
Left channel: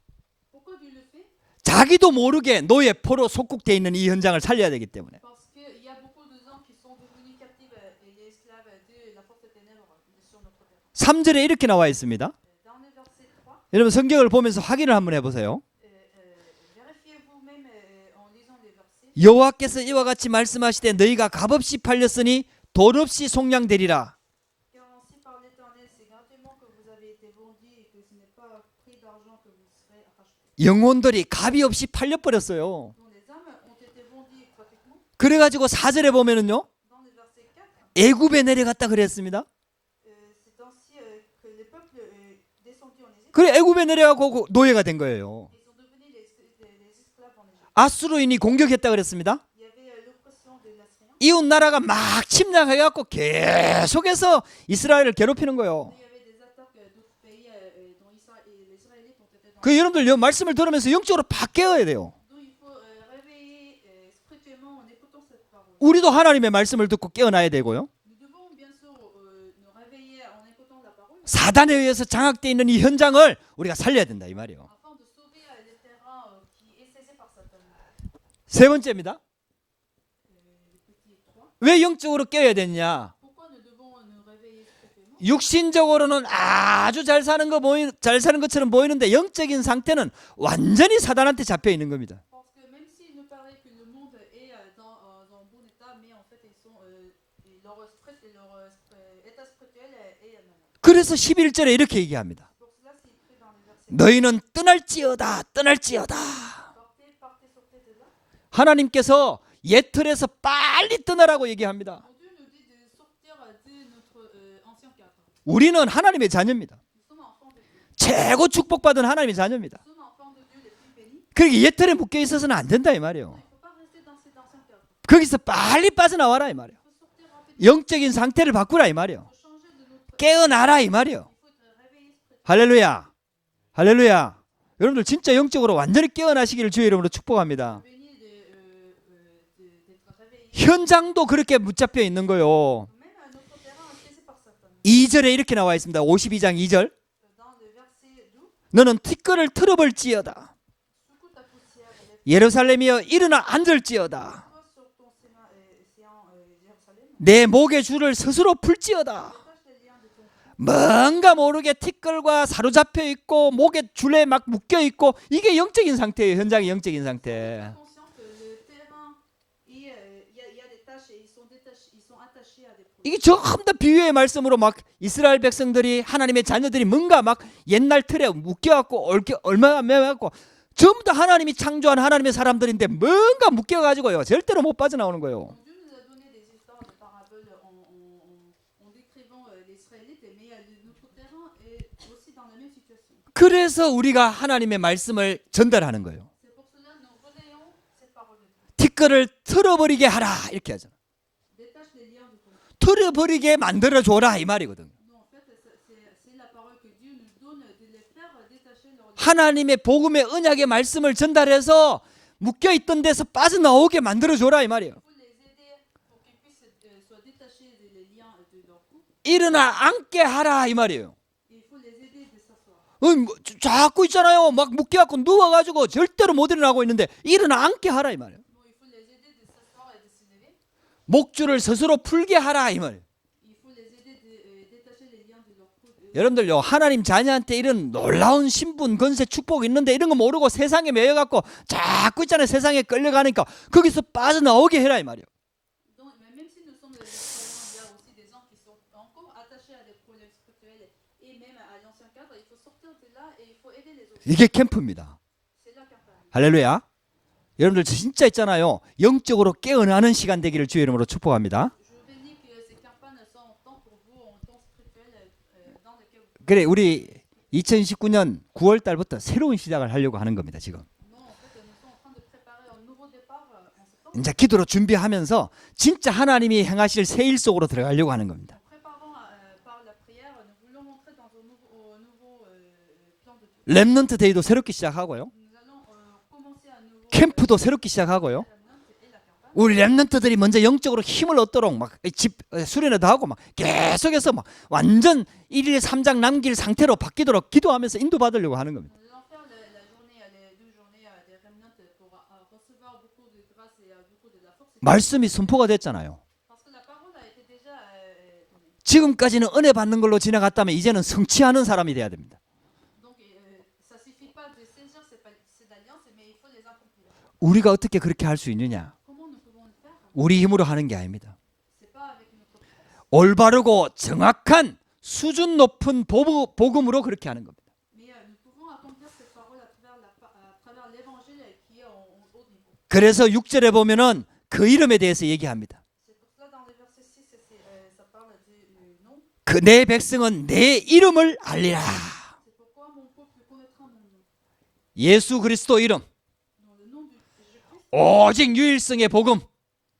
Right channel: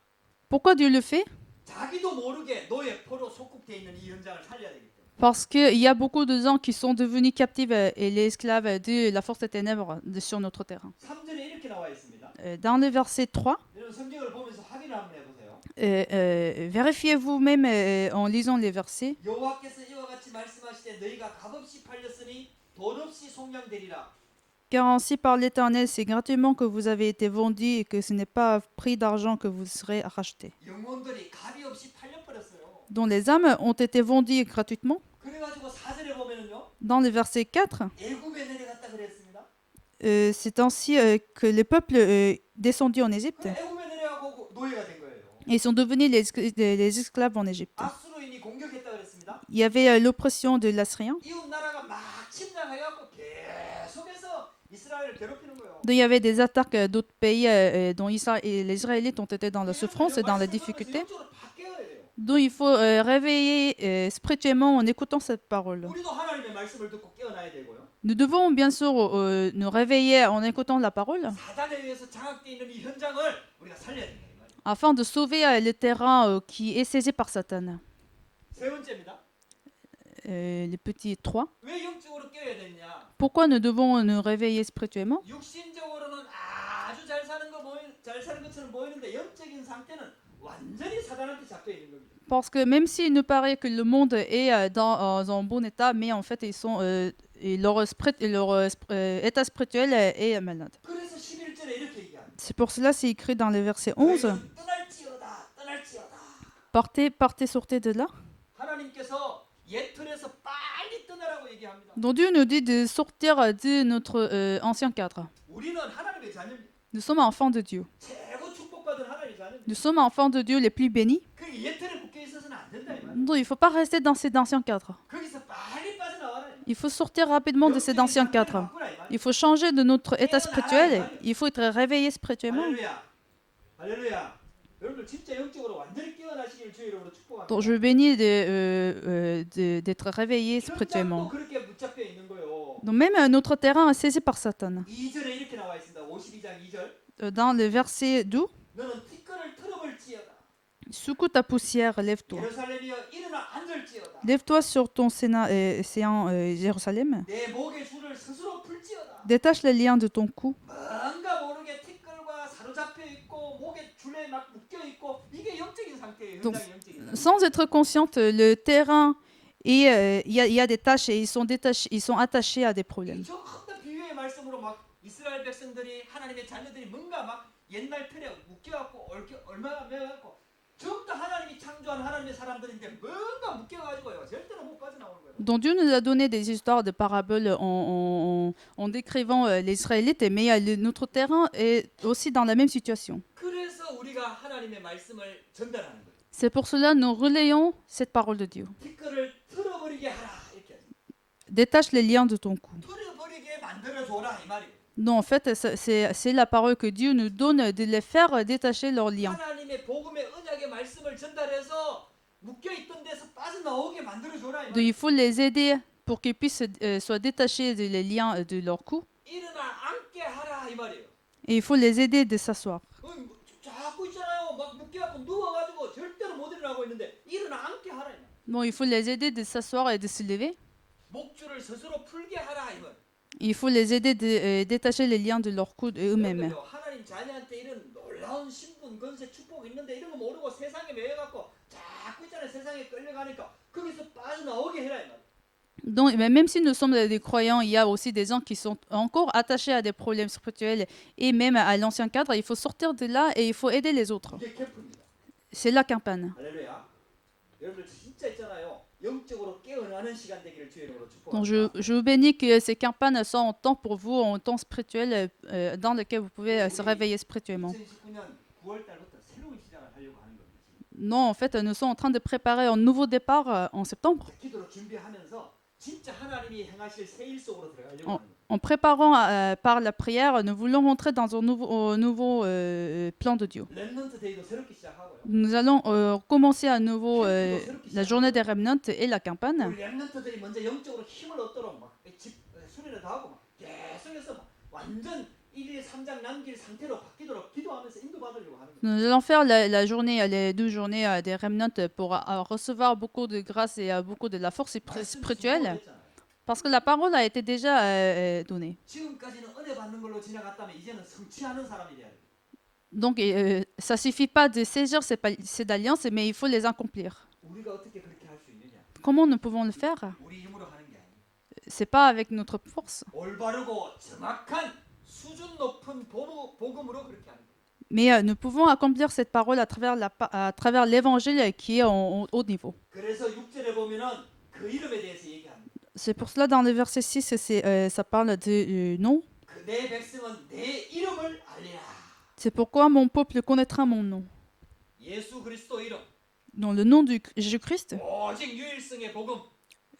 Pourquoi Dieu le fait? 자기도 모르게 노예 포로 속국돼 있는 이 현장을 살려야 되기 때문에. Parce qu'il y a beaucoup de gens qui sont devenus captifs et les esclaves de la force des ténèbres sur notre terrain. 3절에 이렇게 나와 있습니다. Dans le verset 3, 여러분 성경을 보면서 확인을 한번 해보세요. vérifiez vous-même en lisant les versets. 여호와께서 이와 같이 말씀하시되 너희가 값없이 팔렸으니 돈 없이 속량되리라. Car ainsi par l'Éternel, c'est gratuitement que vous avez été vendus et que ce n'est pas à prix d'argent que vous serez rachetés. 영혼들이 값이 없이 팔려버렸어요. Dont les âmes ont été vendues gratuitement. 그래가지고 4절에 보면은요. Dans le verset 4, 애굽에 내려갔다 그랬습니다. c'est ainsi que le peuple descendu en Égypte. 그래 애굽에 내려가고 노예가 된 거예요. Et ils sont devenus les esclaves en Égypte. 아수르인이 공격했다 그랬습니다. Il y avait l'oppression de l'Assyrien. 이웃 나라가 막 침략해갖고 계속해서 이스라엘을 괴롭히는 거예요. Donc il y avait des attaques d'autres pays dont les Israélites ont été dans 그 les 여러분들 souffrances et dans 말씀을 les 들으면서 difficultés. 영적으로 바뀌어야 돼요. Donc il faut réveiller spirituellement en écoutant cette parole. 우리도 하나님의 말씀을 듣고 깨어나야 되고요. Nous devons bien sûr nous réveiller en écoutant la parole 사단에 의해서 장악돼 있는 이 현장을 우리가 살려야 된다 이 말이에요. afin de sauver le terrain qui est saisi par Satan. 세 번째입니다. Les petits 3. 왜 영적으로 깨어야 되냐? Pourquoi nous devons nous réveiller spirituellement? 육신적으로는 아주 잘 사는 것처럼 보이는데 영적인 상태는 완전히 사단한테 잡혀 있는 겁니다. Parce que même s'il nous paraît que le monde est dans un bon état, mais en fait ils sont et leur état spirituel est malade. 그래서 11절에 이렇게 얘기합니다. C'est pour cela c'est écrit dans le verset 11. 너희는 떠날지어다. Partez, sortez de là. 하나님께서 옛 틀에서 빨리 떠나라고 얘기합니다. Donc Dieu nous dit de sortir de notre ancien cadre. 우리는 하나님의 자녀입니다. Nous sommes enfants de Dieu. 최고 축복받은 하나님의 자녀입니다. Nous sommes enfants de Dieu les plus bénis. 그러니까 옛 틀에 묶여 있어서는 안 된다 이 말이에요. Donc il faut pas rester dans cet ancien cadre. 거기서 빨리 빠져나와라 이 말이에요. Il faut sortir rapidement de cet 영적인 ancien 상태를 cadre. 바꾸라 이 Il 말이에요. faut changer de notre état 깨어나라 이 말이에요. spirituel. Il faut être réveillé spirituellement. 할렐루야. 할렐루야. 여러분들 진짜 영적으로 완전히 깨어나시기를 주의 이름으로 Donc 축복합니다. je bénis d'être réveillé. 현장도 spirituellement. 그렇게 붙잡혀 있는 거요. Donc même notre terrain est saisi par Satan. 2절에 이렇게 나와 있습니다. 52장 2절. Dans le verset 12, 너는 티끌을 틀어볼지어다. secoue ta poussière, 예루살렘이여 일어나 앉을지어다. lève-toi sur ton séant Jérusalem. 내 목의 줄을 스스로 풀지어다. Détache les liens de ton cou. 뭔가 모르게 티끌과 사로잡혀 있고 목에 줄에 막 묶여 있고 이게 영적인 상태예요. 현장의 영적인 상태. Sans être consciente, le terrain et il y a des tâches et ils sont attachés à des problèmes. 이게 전부 다 비유의 말씀으로 막 이스라엘 백성들이 하나님의 자녀들이 뭔가 막 옛날 틀에 묶여갖고 얼마나 매갖고 전부 다 하나님이 창조한 하나님의 사람들인데 뭔가 묶여가지고요 절대로 못 빠져나오는 거예요. Donc Dieu nous a donné des histoires de paraboles en décrivant les Israélites, mais notre terrain est aussi dans la même situation. 그래서 우리가 하나님의 말씀을 전달하는 거예요. C'est pour cela que nous relayons cette parole de Dieu. 티끌을 틀어버리게 하라 이렇게 하죠. Détache les liens de ton cou. 틀어버리게 만들어줘라 이 말이거든. Non, en fait, c'est la parole que Dieu nous donne de les faire détacher leurs liens. 하나님의 복음의 언약의 말씀을 전달해서 묶여있던 데서 빠져나오게 만들어줘라 이 Il 말이에요. faut les aider pour qu'ils puissent soient détachés des liens de leur cou. 일어나 앉게 하라 이 말이에요. Et il faut les aider de s'asseoir. 자꾸 있잖아요. 막 묶여갖고 누워가지고 절대로 못 일어나고 있는데 일어나 앉게 하라 이 말이에요. Bon, il faut les aider de s'asseoir et de se lever. 목줄을 스스로 풀게 하라 이 말이에요. Il faut les aider de détacher les liens de leur cou. 여러분들요 하나님 자녀한테 이런 놀라운 신분 권세 축복이 있는데 이런 거 모르고 세상에 매여갖고 자꾸 있잖아요. 세상에 끌려가니까 거기서 빠져나오게 해라 이 말이에요. Donc, mais même si nous sommes des croyants, il y a aussi des gens qui sont encore attachés à des problèmes spirituels et même à l'ancien cadre. Il faut sortir de là et il faut aider les autres. 이게 캠프입니다. C'est la campagne. 할렐루야. 여러분들 진짜 있잖아요. 영적으로 깨어나는 시간 되기를 주의 이름으로 Donc, 축복합니다. je vous bénis que ces campagnes soient en temps pour vous, en temps spirituel, dans lequel vous pouvez 그래, se 우리 réveiller spirituellement. 2019년 9월 달부터 새로운 시작을 하려고 하는 겁니다. 지금. Non, en fait, nous sommes en train de préparer un nouveau départ en septembre. 이제 기도로 준비하면서 진짜 하나님이 행하실 새 일 속으로 들어가려고 하는 겁니다. En préparant par la prière, nous voulons rentrer dans un nouveau plan de Dieu. 렘넌트 데이도 새롭게 시작하고요. Nous allons commencer à nouveau 캠프도 새롭게 la journée des 시작하고요. remnants et la campagne. 우리 렘넌트들이 먼저 영적으로 힘을 얻도록 막 집 수련회도 하고 막 계속해서 막 완전 1일 3장 남길 상태로 바뀌도록 기도하면서 인도받으려고 하는 겁니다. Nous allons faire la journée, les 2 journées des remnants pour recevoir beaucoup de grâce et beaucoup de la force 말씀이 선포가 spirituelle. 됐잖아요. Parce que la parole a été déjà donnée. 지금까지는 은혜 받는 걸로 지나갔다면 이제는 성취하는 사람이 돼야 됩니다. Donc, ça suffit pas de saisir ces alliances, mais il faut les accomplir. 우리가 어떻게 그렇게 할 수 있느냐? Comment nous pouvons le faire? 우리 힘으로 하는 게 아닙니다. C'est pas avec notre force, 올바르고 정확한 수준 높은 복음으로 그렇게 하는 겁니다. mais nous pouvons accomplir cette parole à travers l'évangile qui est en haut niveau. 그래서 6절에 보면은 그 이름에 대해서 얘기합니다. C'est pour cela dans le verset 6, ça parle de nom. 그 내 백성은 내 이름을 알리라. C'est pourquoi mon peuple connaîtra mon nom. 예수 그리스도 이름, Dans le nom de Jésus-Christ, 오직 유일성의 복음,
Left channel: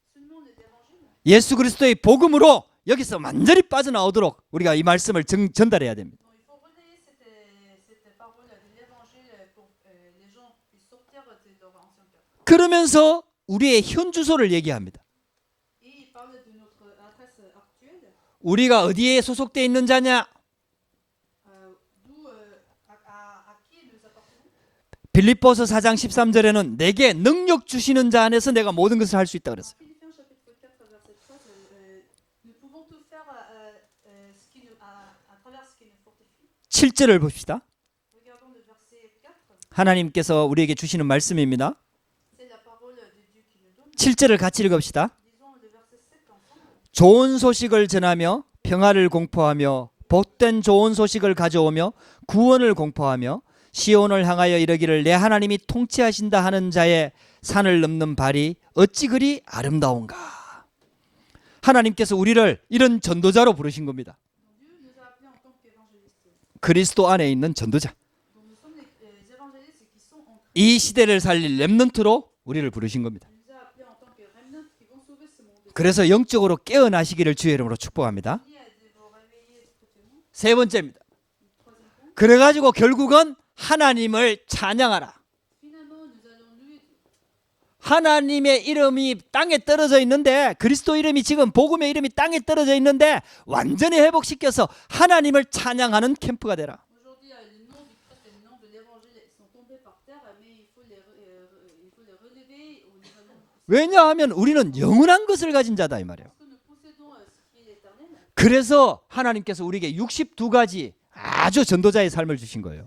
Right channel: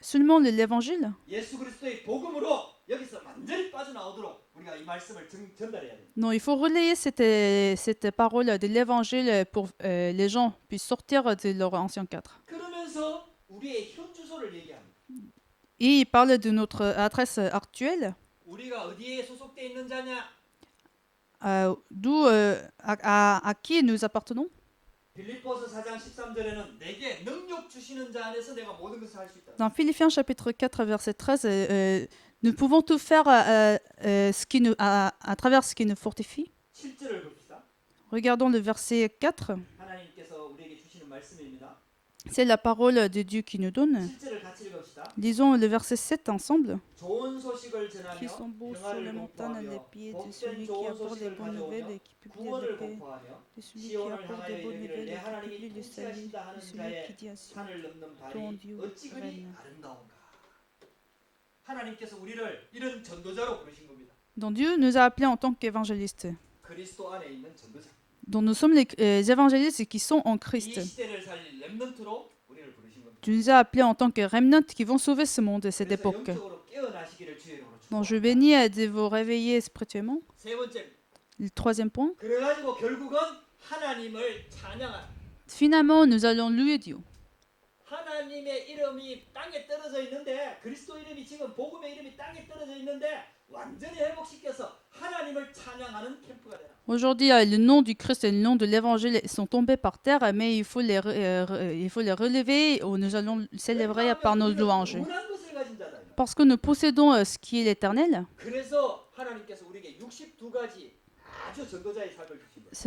seulement l'évangile. 예수 그리스도의 복음으로 여기서 완전히 빠져나오도록 우리가 이 말씀을 전달해야 됩니다. Non, il faut relayer cette parole de l'évangile pour les gens puissent sortir de leur ancien cadre. 그러면서 우리의 현 주소를 얘기합니다. Et il parle de notre adresse actuelle, 우리가 어디에 소속돼 있는 자냐? d'où à qui nous appartenons. 빌립보서 4장 13절에는 내게 능력 주시는 자 안에서 내가 모든 것을 할 수 있다 Dans 그랬어요. Philippiens chapitre 4 verset 13, nous pouvons tout faire à travers ce qui nous fortifie. 7절을 봅시다. Regardons le verset 4. 하나님께서 우리에게 주시는 말씀입니다. C'est la parole de Dieu qui nous donne. 7절을 같이 읽읍시다. Lisons le verset 7 ensemble. 좋은 소식을 전하며 평화를 공포하며 복된 좋은 소식을 가져오며 구원을 공포하며 시온을 향하여 이르기를 내 하나님이 통치하신다 하는 자의 산을 넘는 발이 어찌 그리 아름다운가. 하나님께서 우리를 이런 전도자로 부르신 겁니다. Donc Dieu nous a appelés en tant qu'évangélistes. 그리스도 안에 있는 전도자. Donc nous sommes les évangélistes qui sont en 이 Christ. 시대를 살릴 렘넌트로 우리를 부르신 겁니다. Tu nous as appelés en tant que remnant qui vont sauver ce monde. 그래서 영적으로 깨어나시기를 주의 이름으로 Donc je 축복합니다. bénis de vous réveiller spirituellement. 세 번째입니다. Le troisième point. 그래가지고 결국은 하나님을 찬양하라. Finalement, nous allons louer Dieu. 하나님의 이름이 땅에 떨어져 있는데 그리스도 이름이 지금 복음의 이름이 땅에 떨어져 있는데 완전히 회복시켜서 하나님을 찬양하는 캠프가 되라. Aujourd'hui, le nom du Christ et le nom de l'Évangile sont tombés par terre, mais il faut les relever. Nous allons célébrer par 왜냐하면 nos 우리는 louanges. 영원한 것을 가진 자다 이 말이야. Parce que nous possédons ce qui est l'éternel. 그래서 하나님께서 우리에게 62가지 아주 전도자의 삶을 주신 거예요.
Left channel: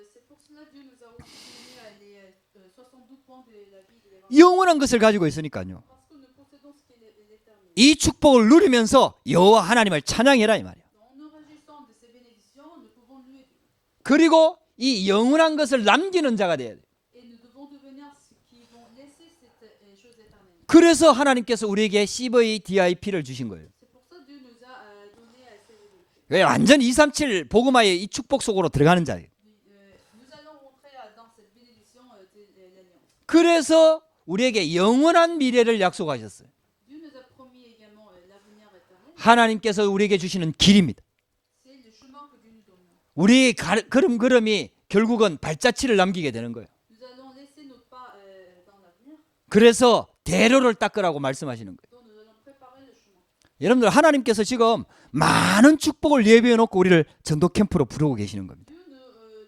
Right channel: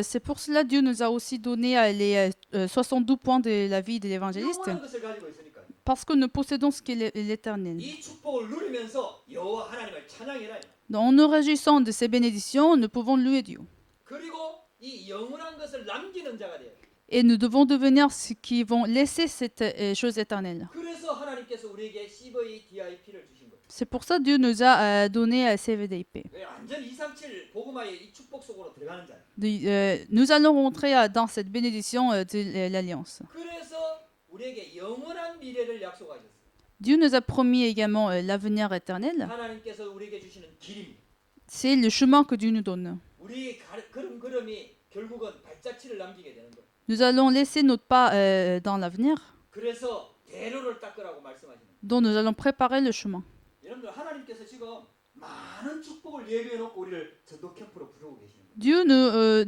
C'est pour cela Dieu nous a aussi donné les 72 points de la vie de l'évangile. 영원한 것을 가지고 있으니까요. Parce que nous possédons ce qui est l'éternel. 이 축복을 누리면서 여호와 하나님을 찬양해라 이 말이야. En nous réjouissant de ces bénédictions, nous pouvons louer Dieu. 그리고 이 영원한 것을 남기는 자가 돼야 돼. Et nous devons devenir ceux qui vont laisser cette chose éternelle. 그래서 하나님께서 우리에게 CVDIP를 주신 거예요. C'est pour ça que Dieu nous a donné CVDIP. 완전 237 복음화의 이 축복 속으로 들어가는 자예요. Nous allons rentrer dans cette bénédiction de l'Alliance. 그래서 우리에게 영원한 미래를 약속하셨어요. Dieu nous a promis également l'avenir éternel. 하나님께서 우리에게 주시는 길입니다. C'est le chemin que Dieu nous donne. 우리 걸음걸음이 결국은 발자취를 남기게 되는 거예요. Nous allons laisser notre pas dans l'avenir, 그래서 대로를 닦으라고 말씀하시는 거예요. dont nous allons préparer le chemin. 여러분들 하나님께서 지금 많은 축복을 예비해 놓고 우리를 전도 캠프로 부르고 계시는 거예요.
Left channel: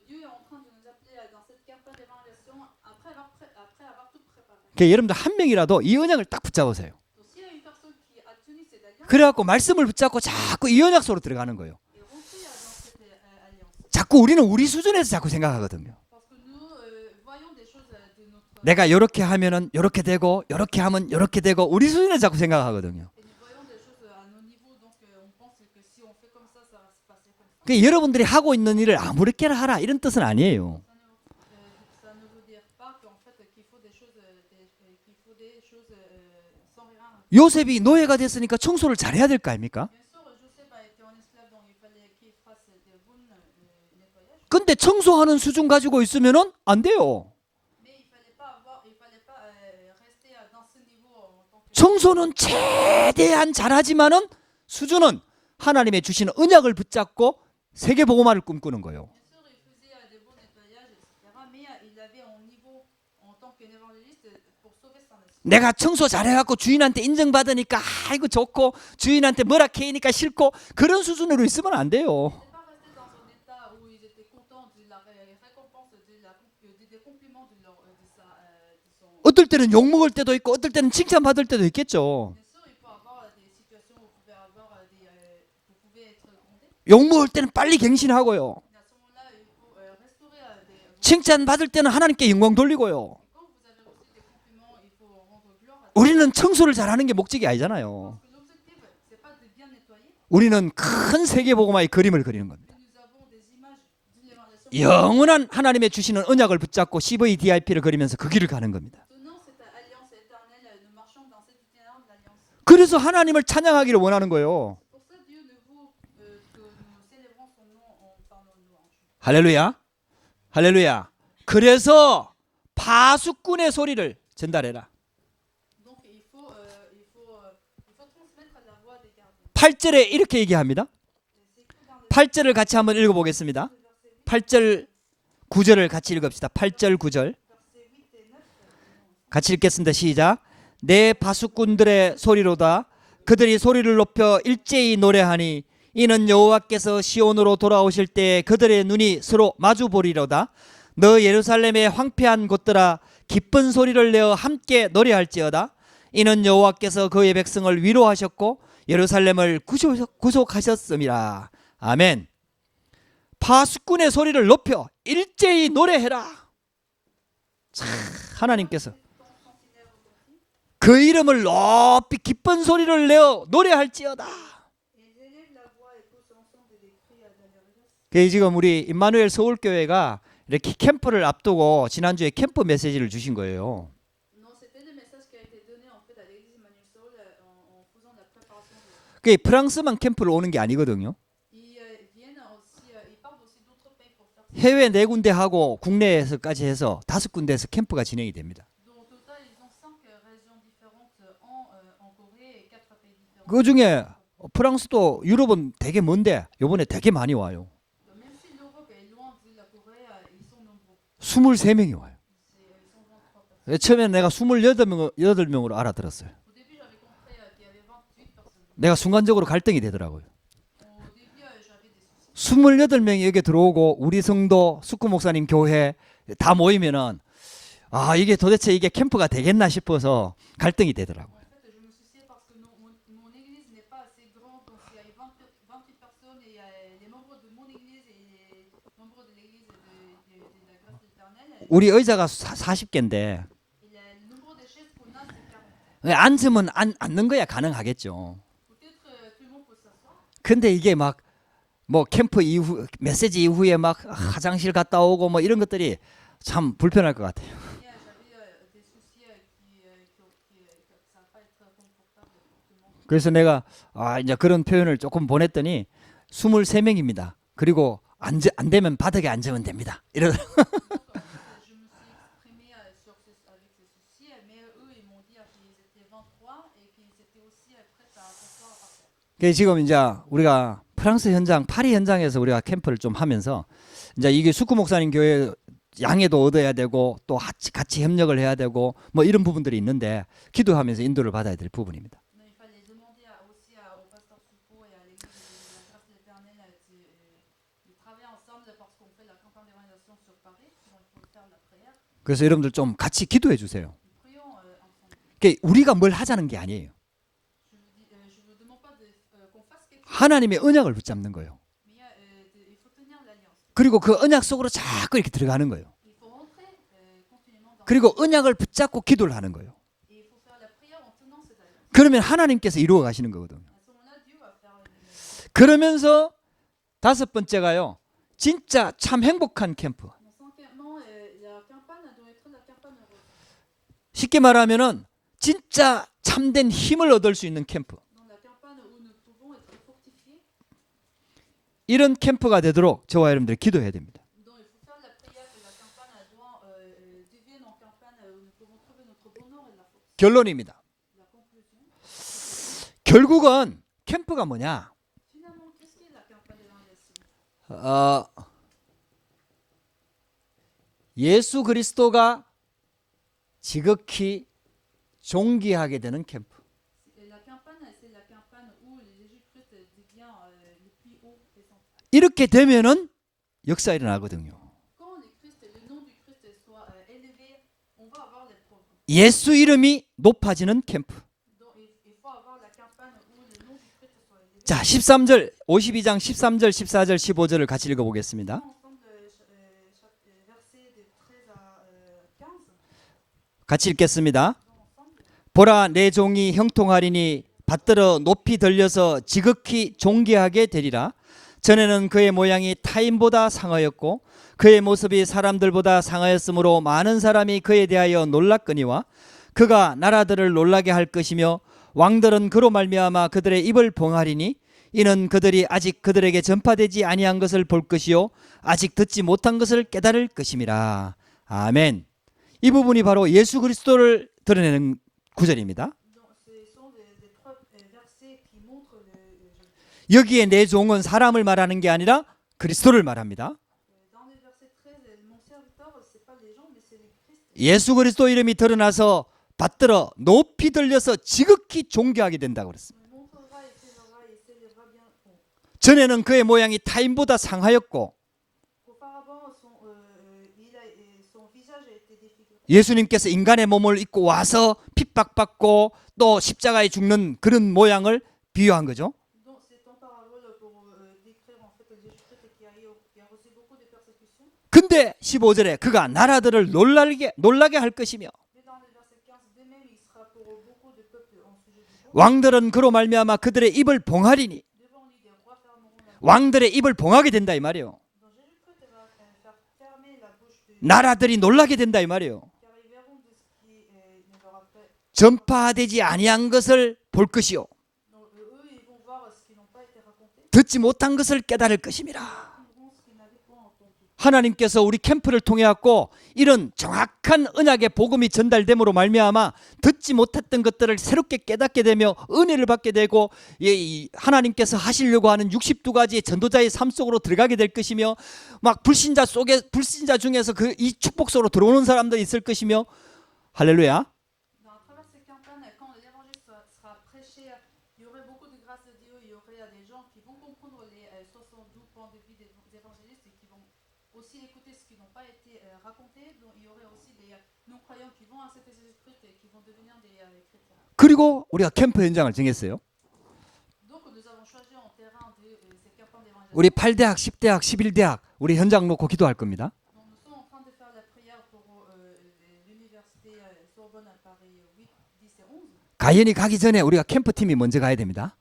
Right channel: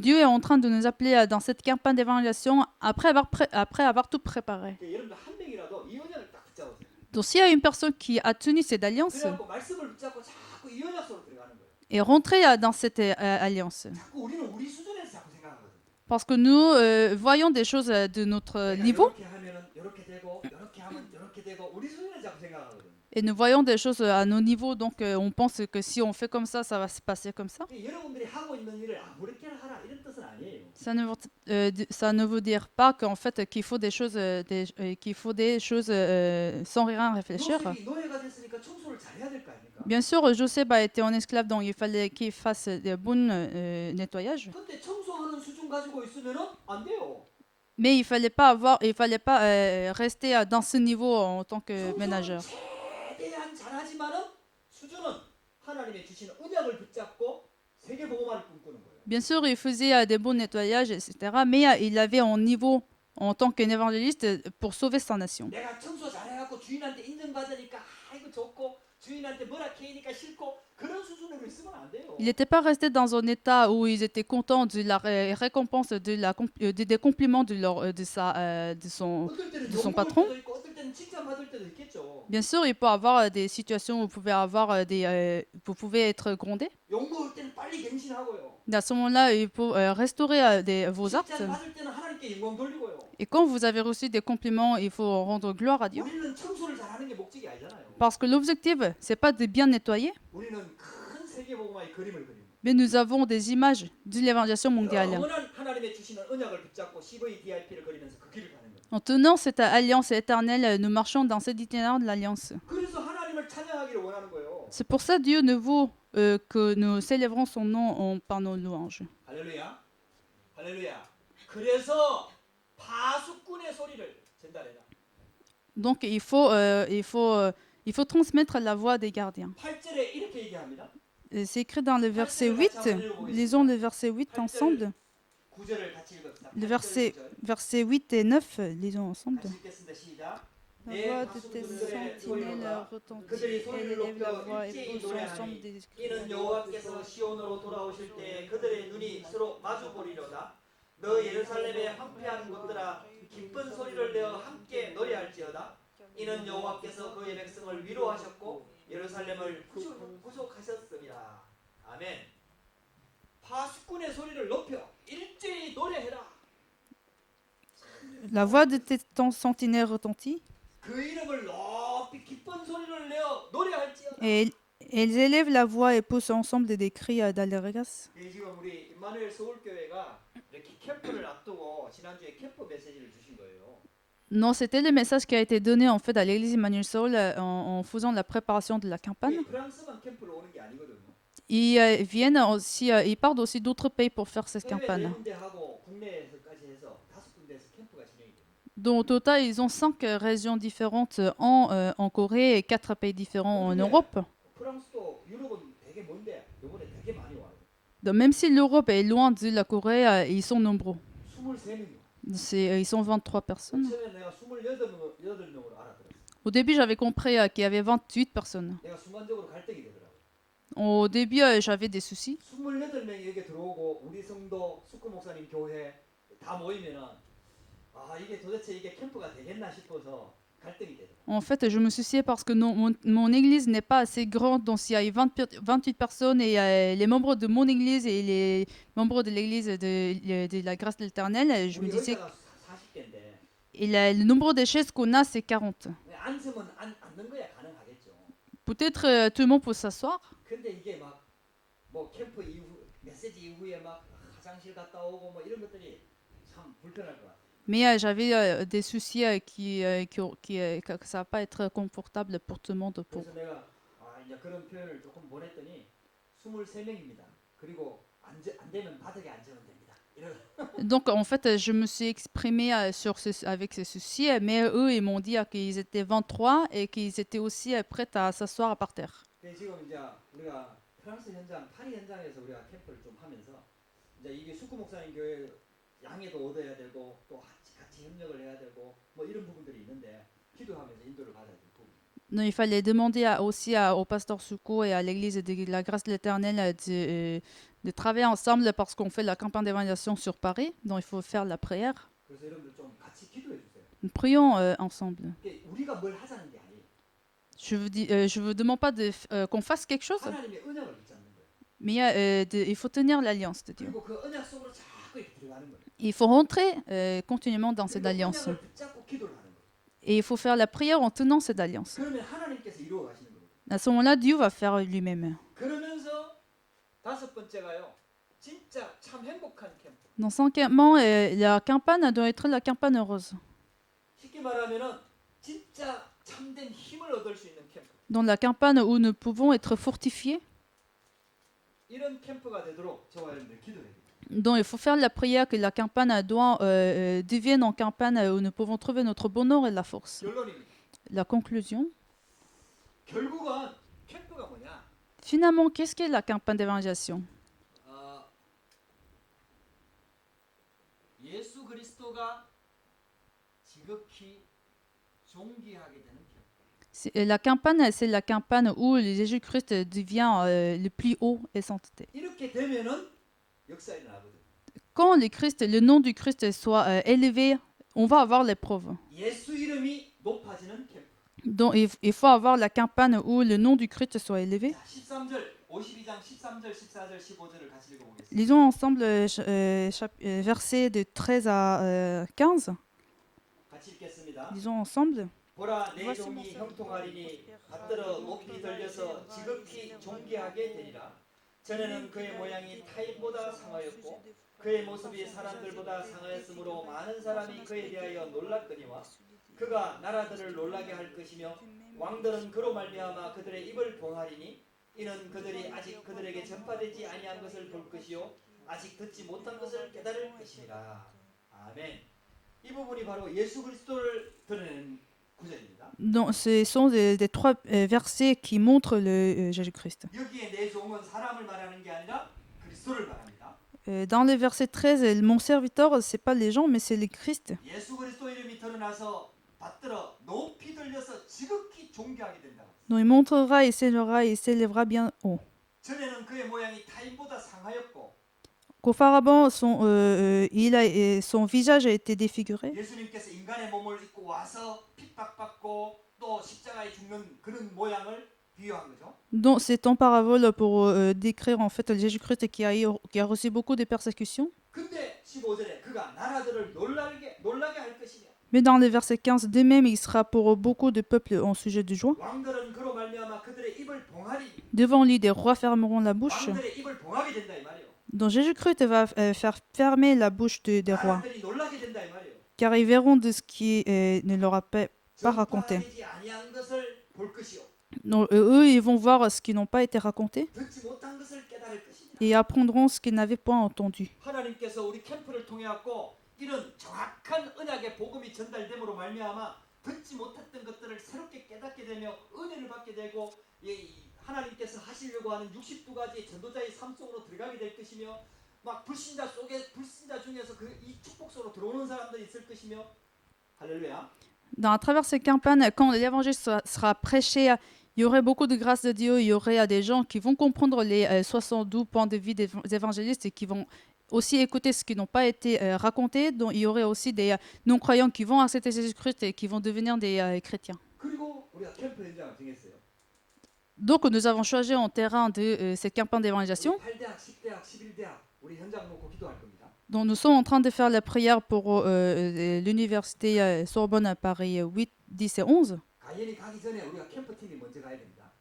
Dieu est en train de nous appeler dans cette campagne d'évangélisation après avoir tout préparé. 그러니까 여러분들 한 명이라도 이 언약을 딱 붙잡으세요. Donc s'il y a une personne qui a tenu cette alliance 그래갖고 말씀을 붙잡고 자꾸 이 언약 속으로 들어가는 거예요. et rentré dans cette alliance. 자꾸 우리는 우리 수준에서 자꾸 생각하거든요. Parce que nous voyons des choses de notre 내가 niveau 이렇게 하면은 이렇게 되고 이렇게 하면 이렇게 되고 우리 수준에서 자꾸 생각하거든요. et nous voyons des choses à nos niveaux. Donc on pense que si on fait comme ça va se passer comme ça. 그러니까 여러분들이 하고 있는 일을 아무렇게나 하라 이런 뜻은 아니에요. Ça ne veut dire pas qu'en fait qu'il faut des choses, sans rien réfléchir. 요셉이 노예가 됐으니까 청소를 잘해야 될 거 아닙니까? Bien sûr, Joseph a été en esclave, donc il fallait qu'il fasse des bons nettoyages. 근데 청소하는 수준 가지고 있으면은 안 돼요. Mais il fallait pas rester dans ce niveau en tant que 청소는 ménageur. 최대한 잘하지만은 수준은 하나님의 주시는 언약을 붙잡고 세계 복음화를 꿈꾸는 거예요. Bien sûr, il faisait des bons nettoyages, etc. Mais il avait un niveau en tant qu'évangéliste pour sauver sa nation. 내가 청소 잘해갖고 주인한테 인정받으니까 아이고 좋고 주인한테 뭐라 캐니까 싫고 그런 수준으로 있으면 안 Il 돼요. n'était pas resté dans un état où ils étaient contents de la récompense des compliments de son. 어떨 때는 욕 son 먹을 patron. 때도 있고 어떨 때는 칭찬 받을 때도 있겠죠. Bien sûr, il peut y avoir des situations où vous pouvez être grondé. 욕 먹을 때는 빨리 갱신하고요. À ce moment-là, il faut restaurer vos 칭찬 actes. 받을 때는 하나님께 영광 돌리고요. Et quand vous avez reçu des compliments, il faut rendre gloire à Dieu. 우리는 청소를 잘하는 게 목적이 아니잖아요. Parce que l'objectif, c'est pas de bien nettoyer, 우리는 큰 세계 복음화의 그림을 그리는 겁니다. mais nous avons des images de l'évangélisation mondiale. 영원한 하나님의 주시는 언약을 붙잡고 CVDIP를 그리면서 그 길을 가는 겁니다. En tenant cette alliance éternelle, nous marchons dans cet itinéraire de l'alliance. 그래서 하나님을 찬양하기를 원하는 거예요. C'est pour ça Dieu nous veut que nous célébrons son nom par nos louanges. 할렐루야. 할렐루야. 그래서 파수꾼의 소리를 전달해라. Donc il faut transmettre la voix des gardiens. 8절에 이렇게 얘기합니다. C'est écrit dans le 8절을 verset 같이 8. 한번 읽어보겠습니다. Lisons le verset 8 8절 ensemble. 9절을 같이 읽읍시다. 8절 Verset- 9절 Verset 8 et 9, lisons ensemble. 같이 읽겠습니다. 시작. 내 파수꾼들의 소리로다 그들이 소리를 높여 일제히 노래하니 이는 여호와께서 시온으로 돌아오실 때 그들의 눈이 서로 마주 보리로다. 너 예루살렘의 황폐한 곳들아 기쁜 소리를 내어 함께 노래할지어다. 이는 여호와께서 그의 백성을 위로하셨고 예루살렘을 구속하셨음이라. 아멘. 파수꾼의 소리를 높여 일제히 노래해라. La voix de 하나님께서 tes sentinelles retentit 그 이름을 높이 기쁜 소리를 내어 노래할지어다. et elles élèvent la voix et poussent ensemble des cris d'allégresse. 지금 우리 임마누엘 서울교회가 이렇게 캠프를 앞두고 지난주에 캠프 메시지를 주신 거예요. Non, c'était le message qui a été donné en fait à l'église Emmanuel Saul en faisant la préparation de la 그게 campagne. 프랑스만 캠프를 오는 게 아니거든요. Ils viennent aussi, ils partent aussi d'autres pays pour faire cette 해외 네 campagne. 군데 하고 국내에서까지 해서 5군데에서 캠프가 진행이 됩니다. Donc au total, ils ont 5 régions différentes en Corée et 4 pays différents 그 en 중에 Europe. 프랑스도 유럽은 되게 먼데 이번에 되게 많이 와요. Donc même si l'Europe est loin de la Corée, ils sont nombreux. 23명이 와요. Ils sont 23 personnes. 처음에 내가 28명으로 알아들었어요. Au début, j'avais compris qu'il y avait 28 personnes. 내가 순간적으로 갈등이 되더라고요. Au début, j'avais des soucis. 28명이 여기 들어오고 우리 성도 숙구 목사님 교회 다 모이면은 이게 도대체 이게 캠프가 되겠나 싶어서 갈등이 되더라고요. En fait, je me souciais parce que mon église n'est pas assez grande. Donc, s'il y a 28 personnes et les membres de mon église et les membres de l'église de la grâce de l'Éternel, 우리 의자가 40개인데 et le nombre de chaises qu'on a, c'est 40. 앉으면 앉는 거야 가능하겠죠. Peut-être tout le monde peut s'asseoir. 근데 이게 막 뭐 캠프 이후 메시지 이후에 막 화장실 갔다 오고 뭐 이런 것들이 참 불편할 것 같아요. Mais j'avais des soucis que ça va pas être confortable pour tout le monde. 그래서 내가 이제 그런 표현을 조금 보냈더니 23명입니다. 그리고 안 되면 바닥에 앉으면 됩니다. 이런. Donc en fait, je me suis exprimée avec ces soucis, mais eux, ils m'ont dit qu'ils étaient 23 et qu'ils étaient aussi prêts à s'asseoir par terre. 지금 이제 우리가 프랑스 현장, 파리 현장에서 우리가 캠프를 좀 하면서 이제 이게 숙구 목사님 교회 양해도 얻어야 되고 또 같이 협력을 해야 되고 뭐 이런 부분들이 있는데 기도하면서 인도를 받아야 될 부분입니다. Non, il fallait demander aussi au pasteur Souko et à l'église de la grâce de l'Éternel de travailler ensemble parce qu'on fait la campagne d'évangélisation sur Paris, donc il faut faire la prière. 그래서 여러분들 좀 같이 기도해 주세요. Nous prions ensemble. 우리가 뭘 하자는 게 아니에요. Je vous demande pas qu'on fasse quelque chose, 하나님의 언약을 붙잡는 거예요. mais il faut tenir l'alliance. 그리고 그 언약 속으로 자꾸 이렇게 들어가는 거예요. Il faut rentrer continuellement dans cette 그리고 alliance. 언약을 붙잡고 기도를 하는 거예요. Et il faut faire la prière en tenant cette alliance. 그러면 하나님께서 이루어 가시는 거거든. À ce moment-là, Dieu va faire lui-même. 그러면서 다섯 번째가요. 진짜 참 행복한 캠프. Dans cinquièmement, la campagne doit être la campagne heureuse. 쉽게 말하면은 진짜 참된 힘을 얻을 수 있는 캠프. Dans la campagne où nous pouvons être fortifiés, 이런 캠프가 되도록 저와 여러분들이 기도해야 됩니다. donc il faut faire la prière que la campagne doit devienne en campagne où nous pouvons trouver notre bonheur et la force. 결론입니다. La conclusion, 결국은 캠프가 뭐냐? finalement, qu'est-ce qu'est la campagne d'évangélisation? 예수 그리스도가 지극히 존귀하게 되는 캠프. La campagne, c'est la campagne où Jésus-Christ devient le plus haut et sainteté. 이렇게 되면은 역사 일어나거든요. Quand le nom du Christ soit élevé, on va avoir l'épreuve. 예수 이름이 높아지는 캠프. Donc il faut avoir la campagne où le nom du Christ soit élevé. 자, 13절, 52장 13절, 14절, 15절을 같이 읽어보겠습니다. Lisons ensemble versets de 13 à 15. 같이 읽겠습니다. Lisons ensemble. 보라, 내 종이 형통하리니 받들어 높이 들려서 지극히 존귀하게 되리라. 전에는 그의 모양이 타인보다 상하였고 그의 모습이 사람들보다 상하였으므로 많은 사람이 그에 대하여 놀랐거니와 그가 나라들을 놀라게 할 것이며 왕들은 그로 말미암아 그들의 입을 봉하리니 이는 그들이 아직 그들에게 전파되지 아니한 것을 볼 것이요 아직 듣지 못한 것을 깨달을 것임이라. 아멘. 이 부분이 바로 예수 그리스도를 드러내는 구절입니다. Donc, ce sont des trois versets qui montrent le Jésus-Christ. 여기에 내 종은 사람을 말하는 게 아니라 그리스도를 말합니다. Dans le verset 13, mon serviteur, c'est pas les gens, mais c'est le Christ. 예수 그리스도 이름이 드러나서 받들어 높이 들려서 지극히 존귀하게 된다고 그랬어요. Donc, il montrera, il s'élèvera bien haut. 전에는 그의 모양이 타인보다 상하였고 Qu'auparavant, son visage a été défiguré. 예수님께서 인간의 몸을 입고 와서 핍박받고 또 십자가에 죽는 그런 모양을 비유한 거죠. Donc, c'est en parabole pour décrire en fait le Jésus-Christ qui a reçu beaucoup de persécutions. 근데 15절에 그가 나라들을 놀라게 할 것이며 Mais dans le verset 15, de même, il sera pour beaucoup de peuples en sujet de joie. 왕들은 그로 말미암아 그들의 입을 봉하리니 Devant lui, des rois fermeront la bouche. 왕들의 입을 봉하게 된다 이 말이에요. Donc Jésus-Christ va faire fermer la bouche des rois, 나라들이 놀라게 된다 이 말이에요. car ils verront de ce qui ne leur a pas raconté. 전파되지 아니한 것을 볼 것이요 Donc, eux, ils vont voir ce qui n'ont pas été raconté 듣지 못한 것을 깨달을 것임이라. et apprendront ce qu'ils n'avaient pas entendu. 하나님께서 우리 캠프를 통해 갖고 이런 정확한 언약의 복음이 전달됨으로 말미암아 듣지 못했던 것들을 새롭게 깨닫게 되며 은혜를 받게 되고 이 하나님께서 하시려고 하는 62가지의 전도자의 삶 속으로 들어가게 될 것이며 막 불신자 중에서 그 이 축복 속으로 들어오는 사람들이 있을 것이며 할렐루야. À travers ces campagnes, quand l'évangile sera prêché, il y aurait beaucoup de grâce de Dieu, il y aurait des gens qui vont comprendre les 72 points de vie des évangélistes et qui vont aussi écouter ce qui n'ont pas été racontés. Donc il y aurait aussi des non-croyants qui vont accepter Jésus-Christ et qui vont devenir des chrétiens. 그리고 우리가 캠프 현장을 정했어요. Donc nous avons choisi en terrain de ces campagnes 우리 d'évangélisation. 8대학, 10대학, 11대학 우리 현장 놓고 기도할 겁니다. Donc nous sommes en train de faire la prière pour l'université Sorbonne à Paris 8, 10 et 11. 가연이 가기 전에 우리가 캠프팀이 먼저 가야 됩니다.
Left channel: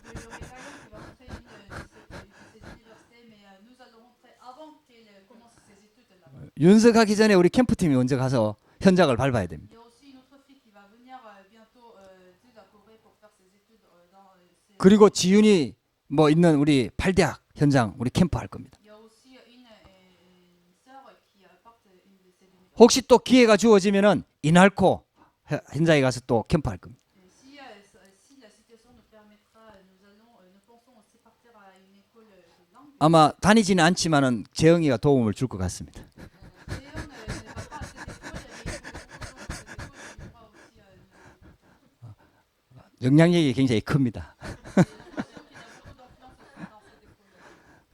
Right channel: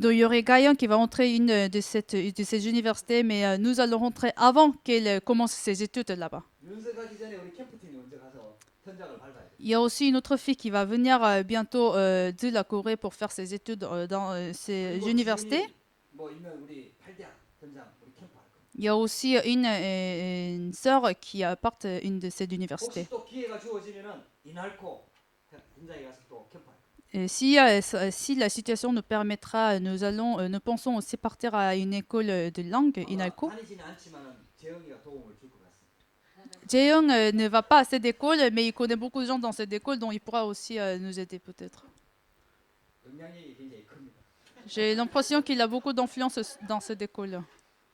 Donc il y aurait Gaïan qui va entrer une de ces universités, mais nous allons rentrer avant qu'elle commence ses études là-bas. 윤서 가기 전에 우리 캠프팀이 먼저 가서 현장을 밟아야 됩니다. Il y a aussi une autre fille qui va venir bientôt de la Corée pour faire ses études dans ces 그리고 universités. 지윤이 뭐 있는 우리 8대학 현장 우리 캠프 할 겁니다. Il y a aussi une sœur qui apporte une de ces universités. 혹시 또 기회가 주어지면은 이날코 현장에 가서 또 캠프 할 겁니다. Et si la situation nous permettra, nous pensons aussi partir à une école de langue. 아마 다니지는 않지만은 재영이가 도움을 줄 것 같습니다. Jaeyoung ne va pas à cette école, mais il connaît beaucoup de gens dans cette école, donc il pourra aussi nous aider peut-être. 영향력이 굉장히 큽니다. J'ai l'impression qu'il a beaucoup d'influence dans cette école.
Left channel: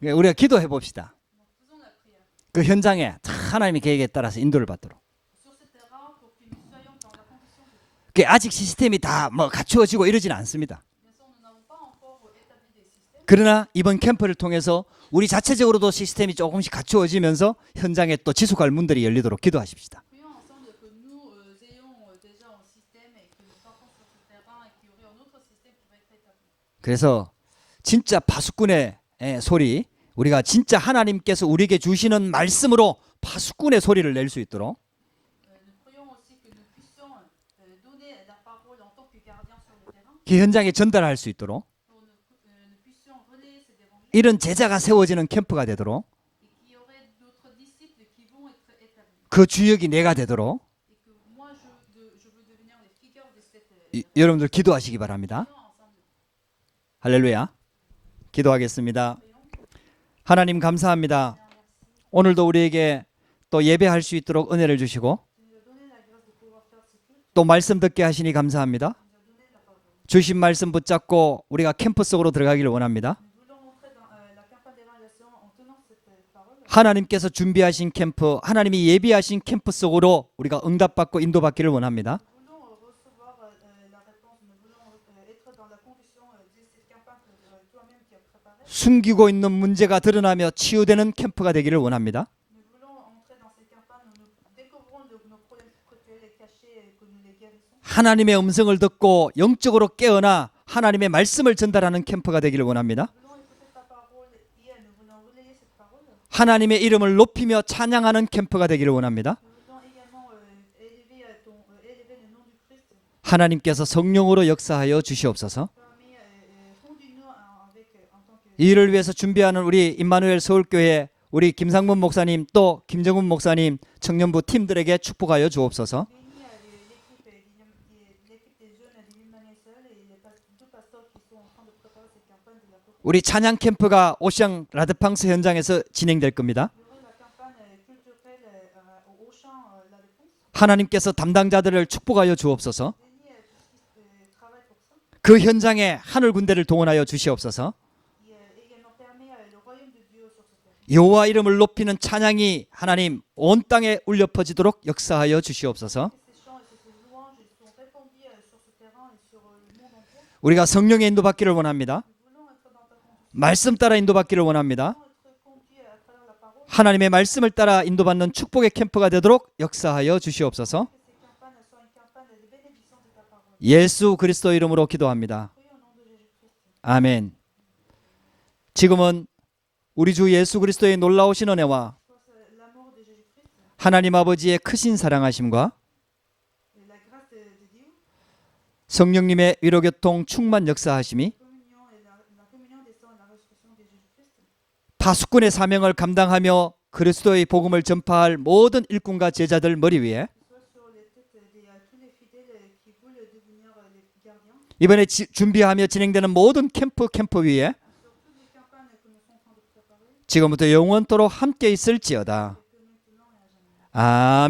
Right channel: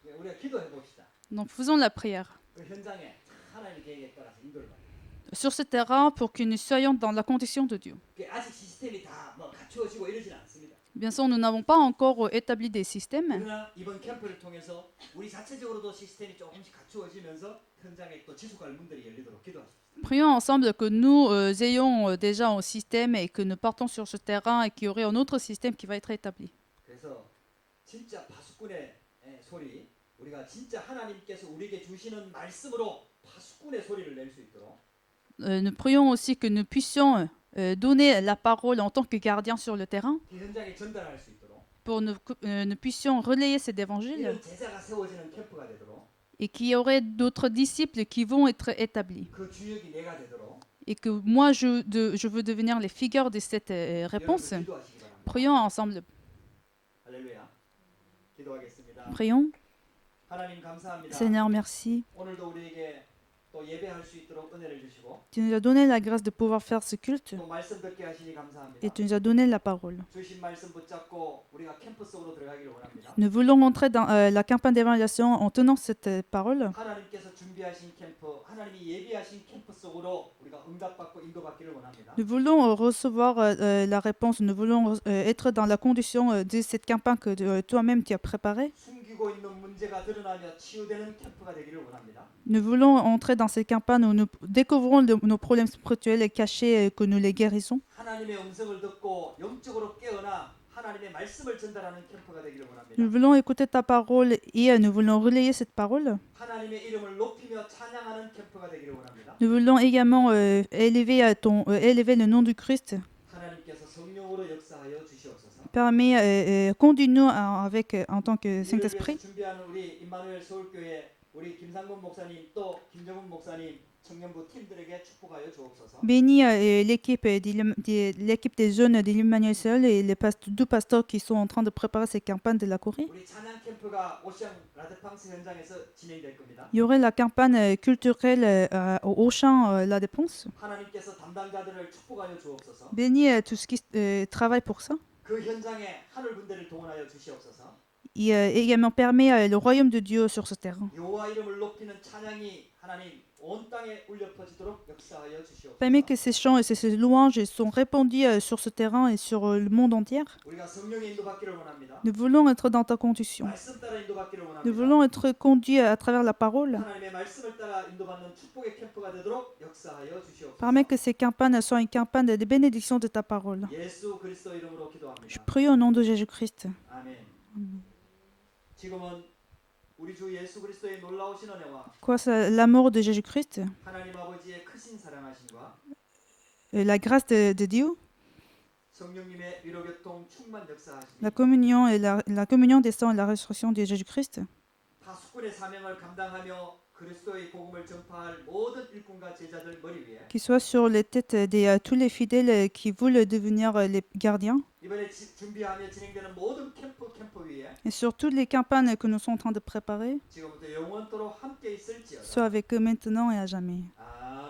우리가 기도해 봅시다. Donc faisons la prière. 그 현장에 하나님의 계획에 따라서 인도를 받도록. sur ce terrain pour que nous soyons dans la condition de Dieu. 그 아직 시스템이 다 뭐 갖추어지고 이러지는 않습니다. Bien sûr, nous n'avons pas encore établi des systèmes, 그러나 이번 캠프를 통해서 우리 자체적으로도 시스템이 조금씩 갖추어지면서 현장에 또 지속할 문들이 열리도록 기도하십시다. prions ensemble que nous ayons déjà un système et que nous partons sur ce terrain et qu'il y aurait un autre système qui va être établi. 그래서 진짜 파수꾼의 소리, 우리가 진짜 하나님께서 우리에게 주시는 말씀으로 파수꾼의 소리를 낼 수 있도록 Nous prions aussi que nous puissions donner la parole en tant que gardiens sur le terrain 그 현장에 전달할 수 있도록 pour nous puissions relayer cet évangile 이런 제자가 세워지는 캠프가 되도록 et qu'il y aurait d'autres disciples qui vont être établis. 그 주역이 내가 되도록 Et que moi, je veux devenir les figures de cette 여러분들 réponse. 기도하시기 바랍니다. Prions ensemble. 할렐루야. 기도하겠습니다. Prions. 하나님 감사합니다. Seigneur, merci. 오늘도 우리에게 또 예배할 수 있도록 은혜를 주시고 Tu nous as donné la grâce de pouvoir faire ce culte. 또 말씀 듣게 하시니 감사합니다. Tu nous as donné la parole. 주신 말씀 붙잡고 우리가 캠프 속으로 들어가기를 원합니다. Nous voulons entrer dans la campagne d'évaluation en tenant cette parole. 하나님께서 준비하신 캠프, 하나님이 예비하신 캠프 속으로 우리가 응답받고 인도받기를 원합니다. Nous voulons recevoir la réponse. Nous voulons être dans la condition de cette campagne que toi-même tu as préparée. 숨기고 있는 문제가 드러나며 치유되는 캠프가 되기를 원합니다. Nous voulons entrer dans cette campagne où nous découvrons nos problèmes spirituels cachés et que nous les guérissons. 하나님의 음성을 듣고 영적으로 깨어나 하나님의 말씀을 전달하는 캠프가 되기를 원합니다. Nous voulons écouter ta parole et nous voulons relayer cette parole. 하나님의 이름을 높이며 찬양하는 캠프가 되기를 원합니다. Nous voulons également élever le nom du Christ. 하나님께서 성령으로 역사하여 주시옵소서. Permets, conduis-nous en tant que 이를 위해서 Saint-Esprit. 준비하는 우리 임마누엘 서울교회 우리 김상문 목사님 또 김정훈 목사님 청년부 팀들에게 축복하여 주옵소서. Bénis l'équipe des jeunes de l'Emmanuel Seul et les deux pasteurs qui sont en train de préparer cette campagne de la Corée. 우리 찬양 캠프가 오시앙 라드팡스 현장에서 진행될 겁니다. Il y aurait la campagne culturelle au Auchan La Dépense. 하나님께서 담당자들을 축복하여 주옵소서. Bénis tout ce qui travaille pour ça. 그 현장에 하늘 군대를 동원하여 주시옵소서. Et également permet le royaume de Dieu sur ce terrain. 여호와 이름을 높이는 찬양이 하나님 온 땅에 울려 퍼지도록 역사하여 주시옵소서. Permet que ces chants et ces louanges sont répandus sur ce terrain et sur le monde entier. 우리가 성령의 인도받기를 원합니다. Nous voulons être dans ta conduite. 말씀 따라 인도받기를 Nous 원합니다. voulons être conduits à travers la parole. 하나님의 말씀을 따라 인도받는 축복의 캠프가 되도록 역사하여 주시옵소서. Permet que ces campagnes soient une campagne de bénédiction de ta parole. 예수 그리스도 이름으로 기도합니다. Prions au nom de Jésus-Christ. 아멘. 지금은 우리 주 예수 그리스도의 놀라우신 은혜와 Quoi, l'amour de Jésus-Christ, 하나님 아버지의 크신 사랑하심과 la grâce de Dieu, 성령님의 위로교통 충만 역사하심이 la communion et la communion des saints et la résurrection de Jésus-Christ, 파수꾼의 사명을 감당하며 그리스도의 복음을 전파할 모든 일꾼과 제자들 머리 위에 qui soit sur les têtes de tous les fidèles qui veulent devenir les gardiens, 이번에 준비하며 진행되는 모든 캠프 위에 et sur toutes les campagnes que nous sommes en train de préparer, 지금부터 영원토록 함께 soit 있을지어다. avec eux maintenant et à jamais. 아멘.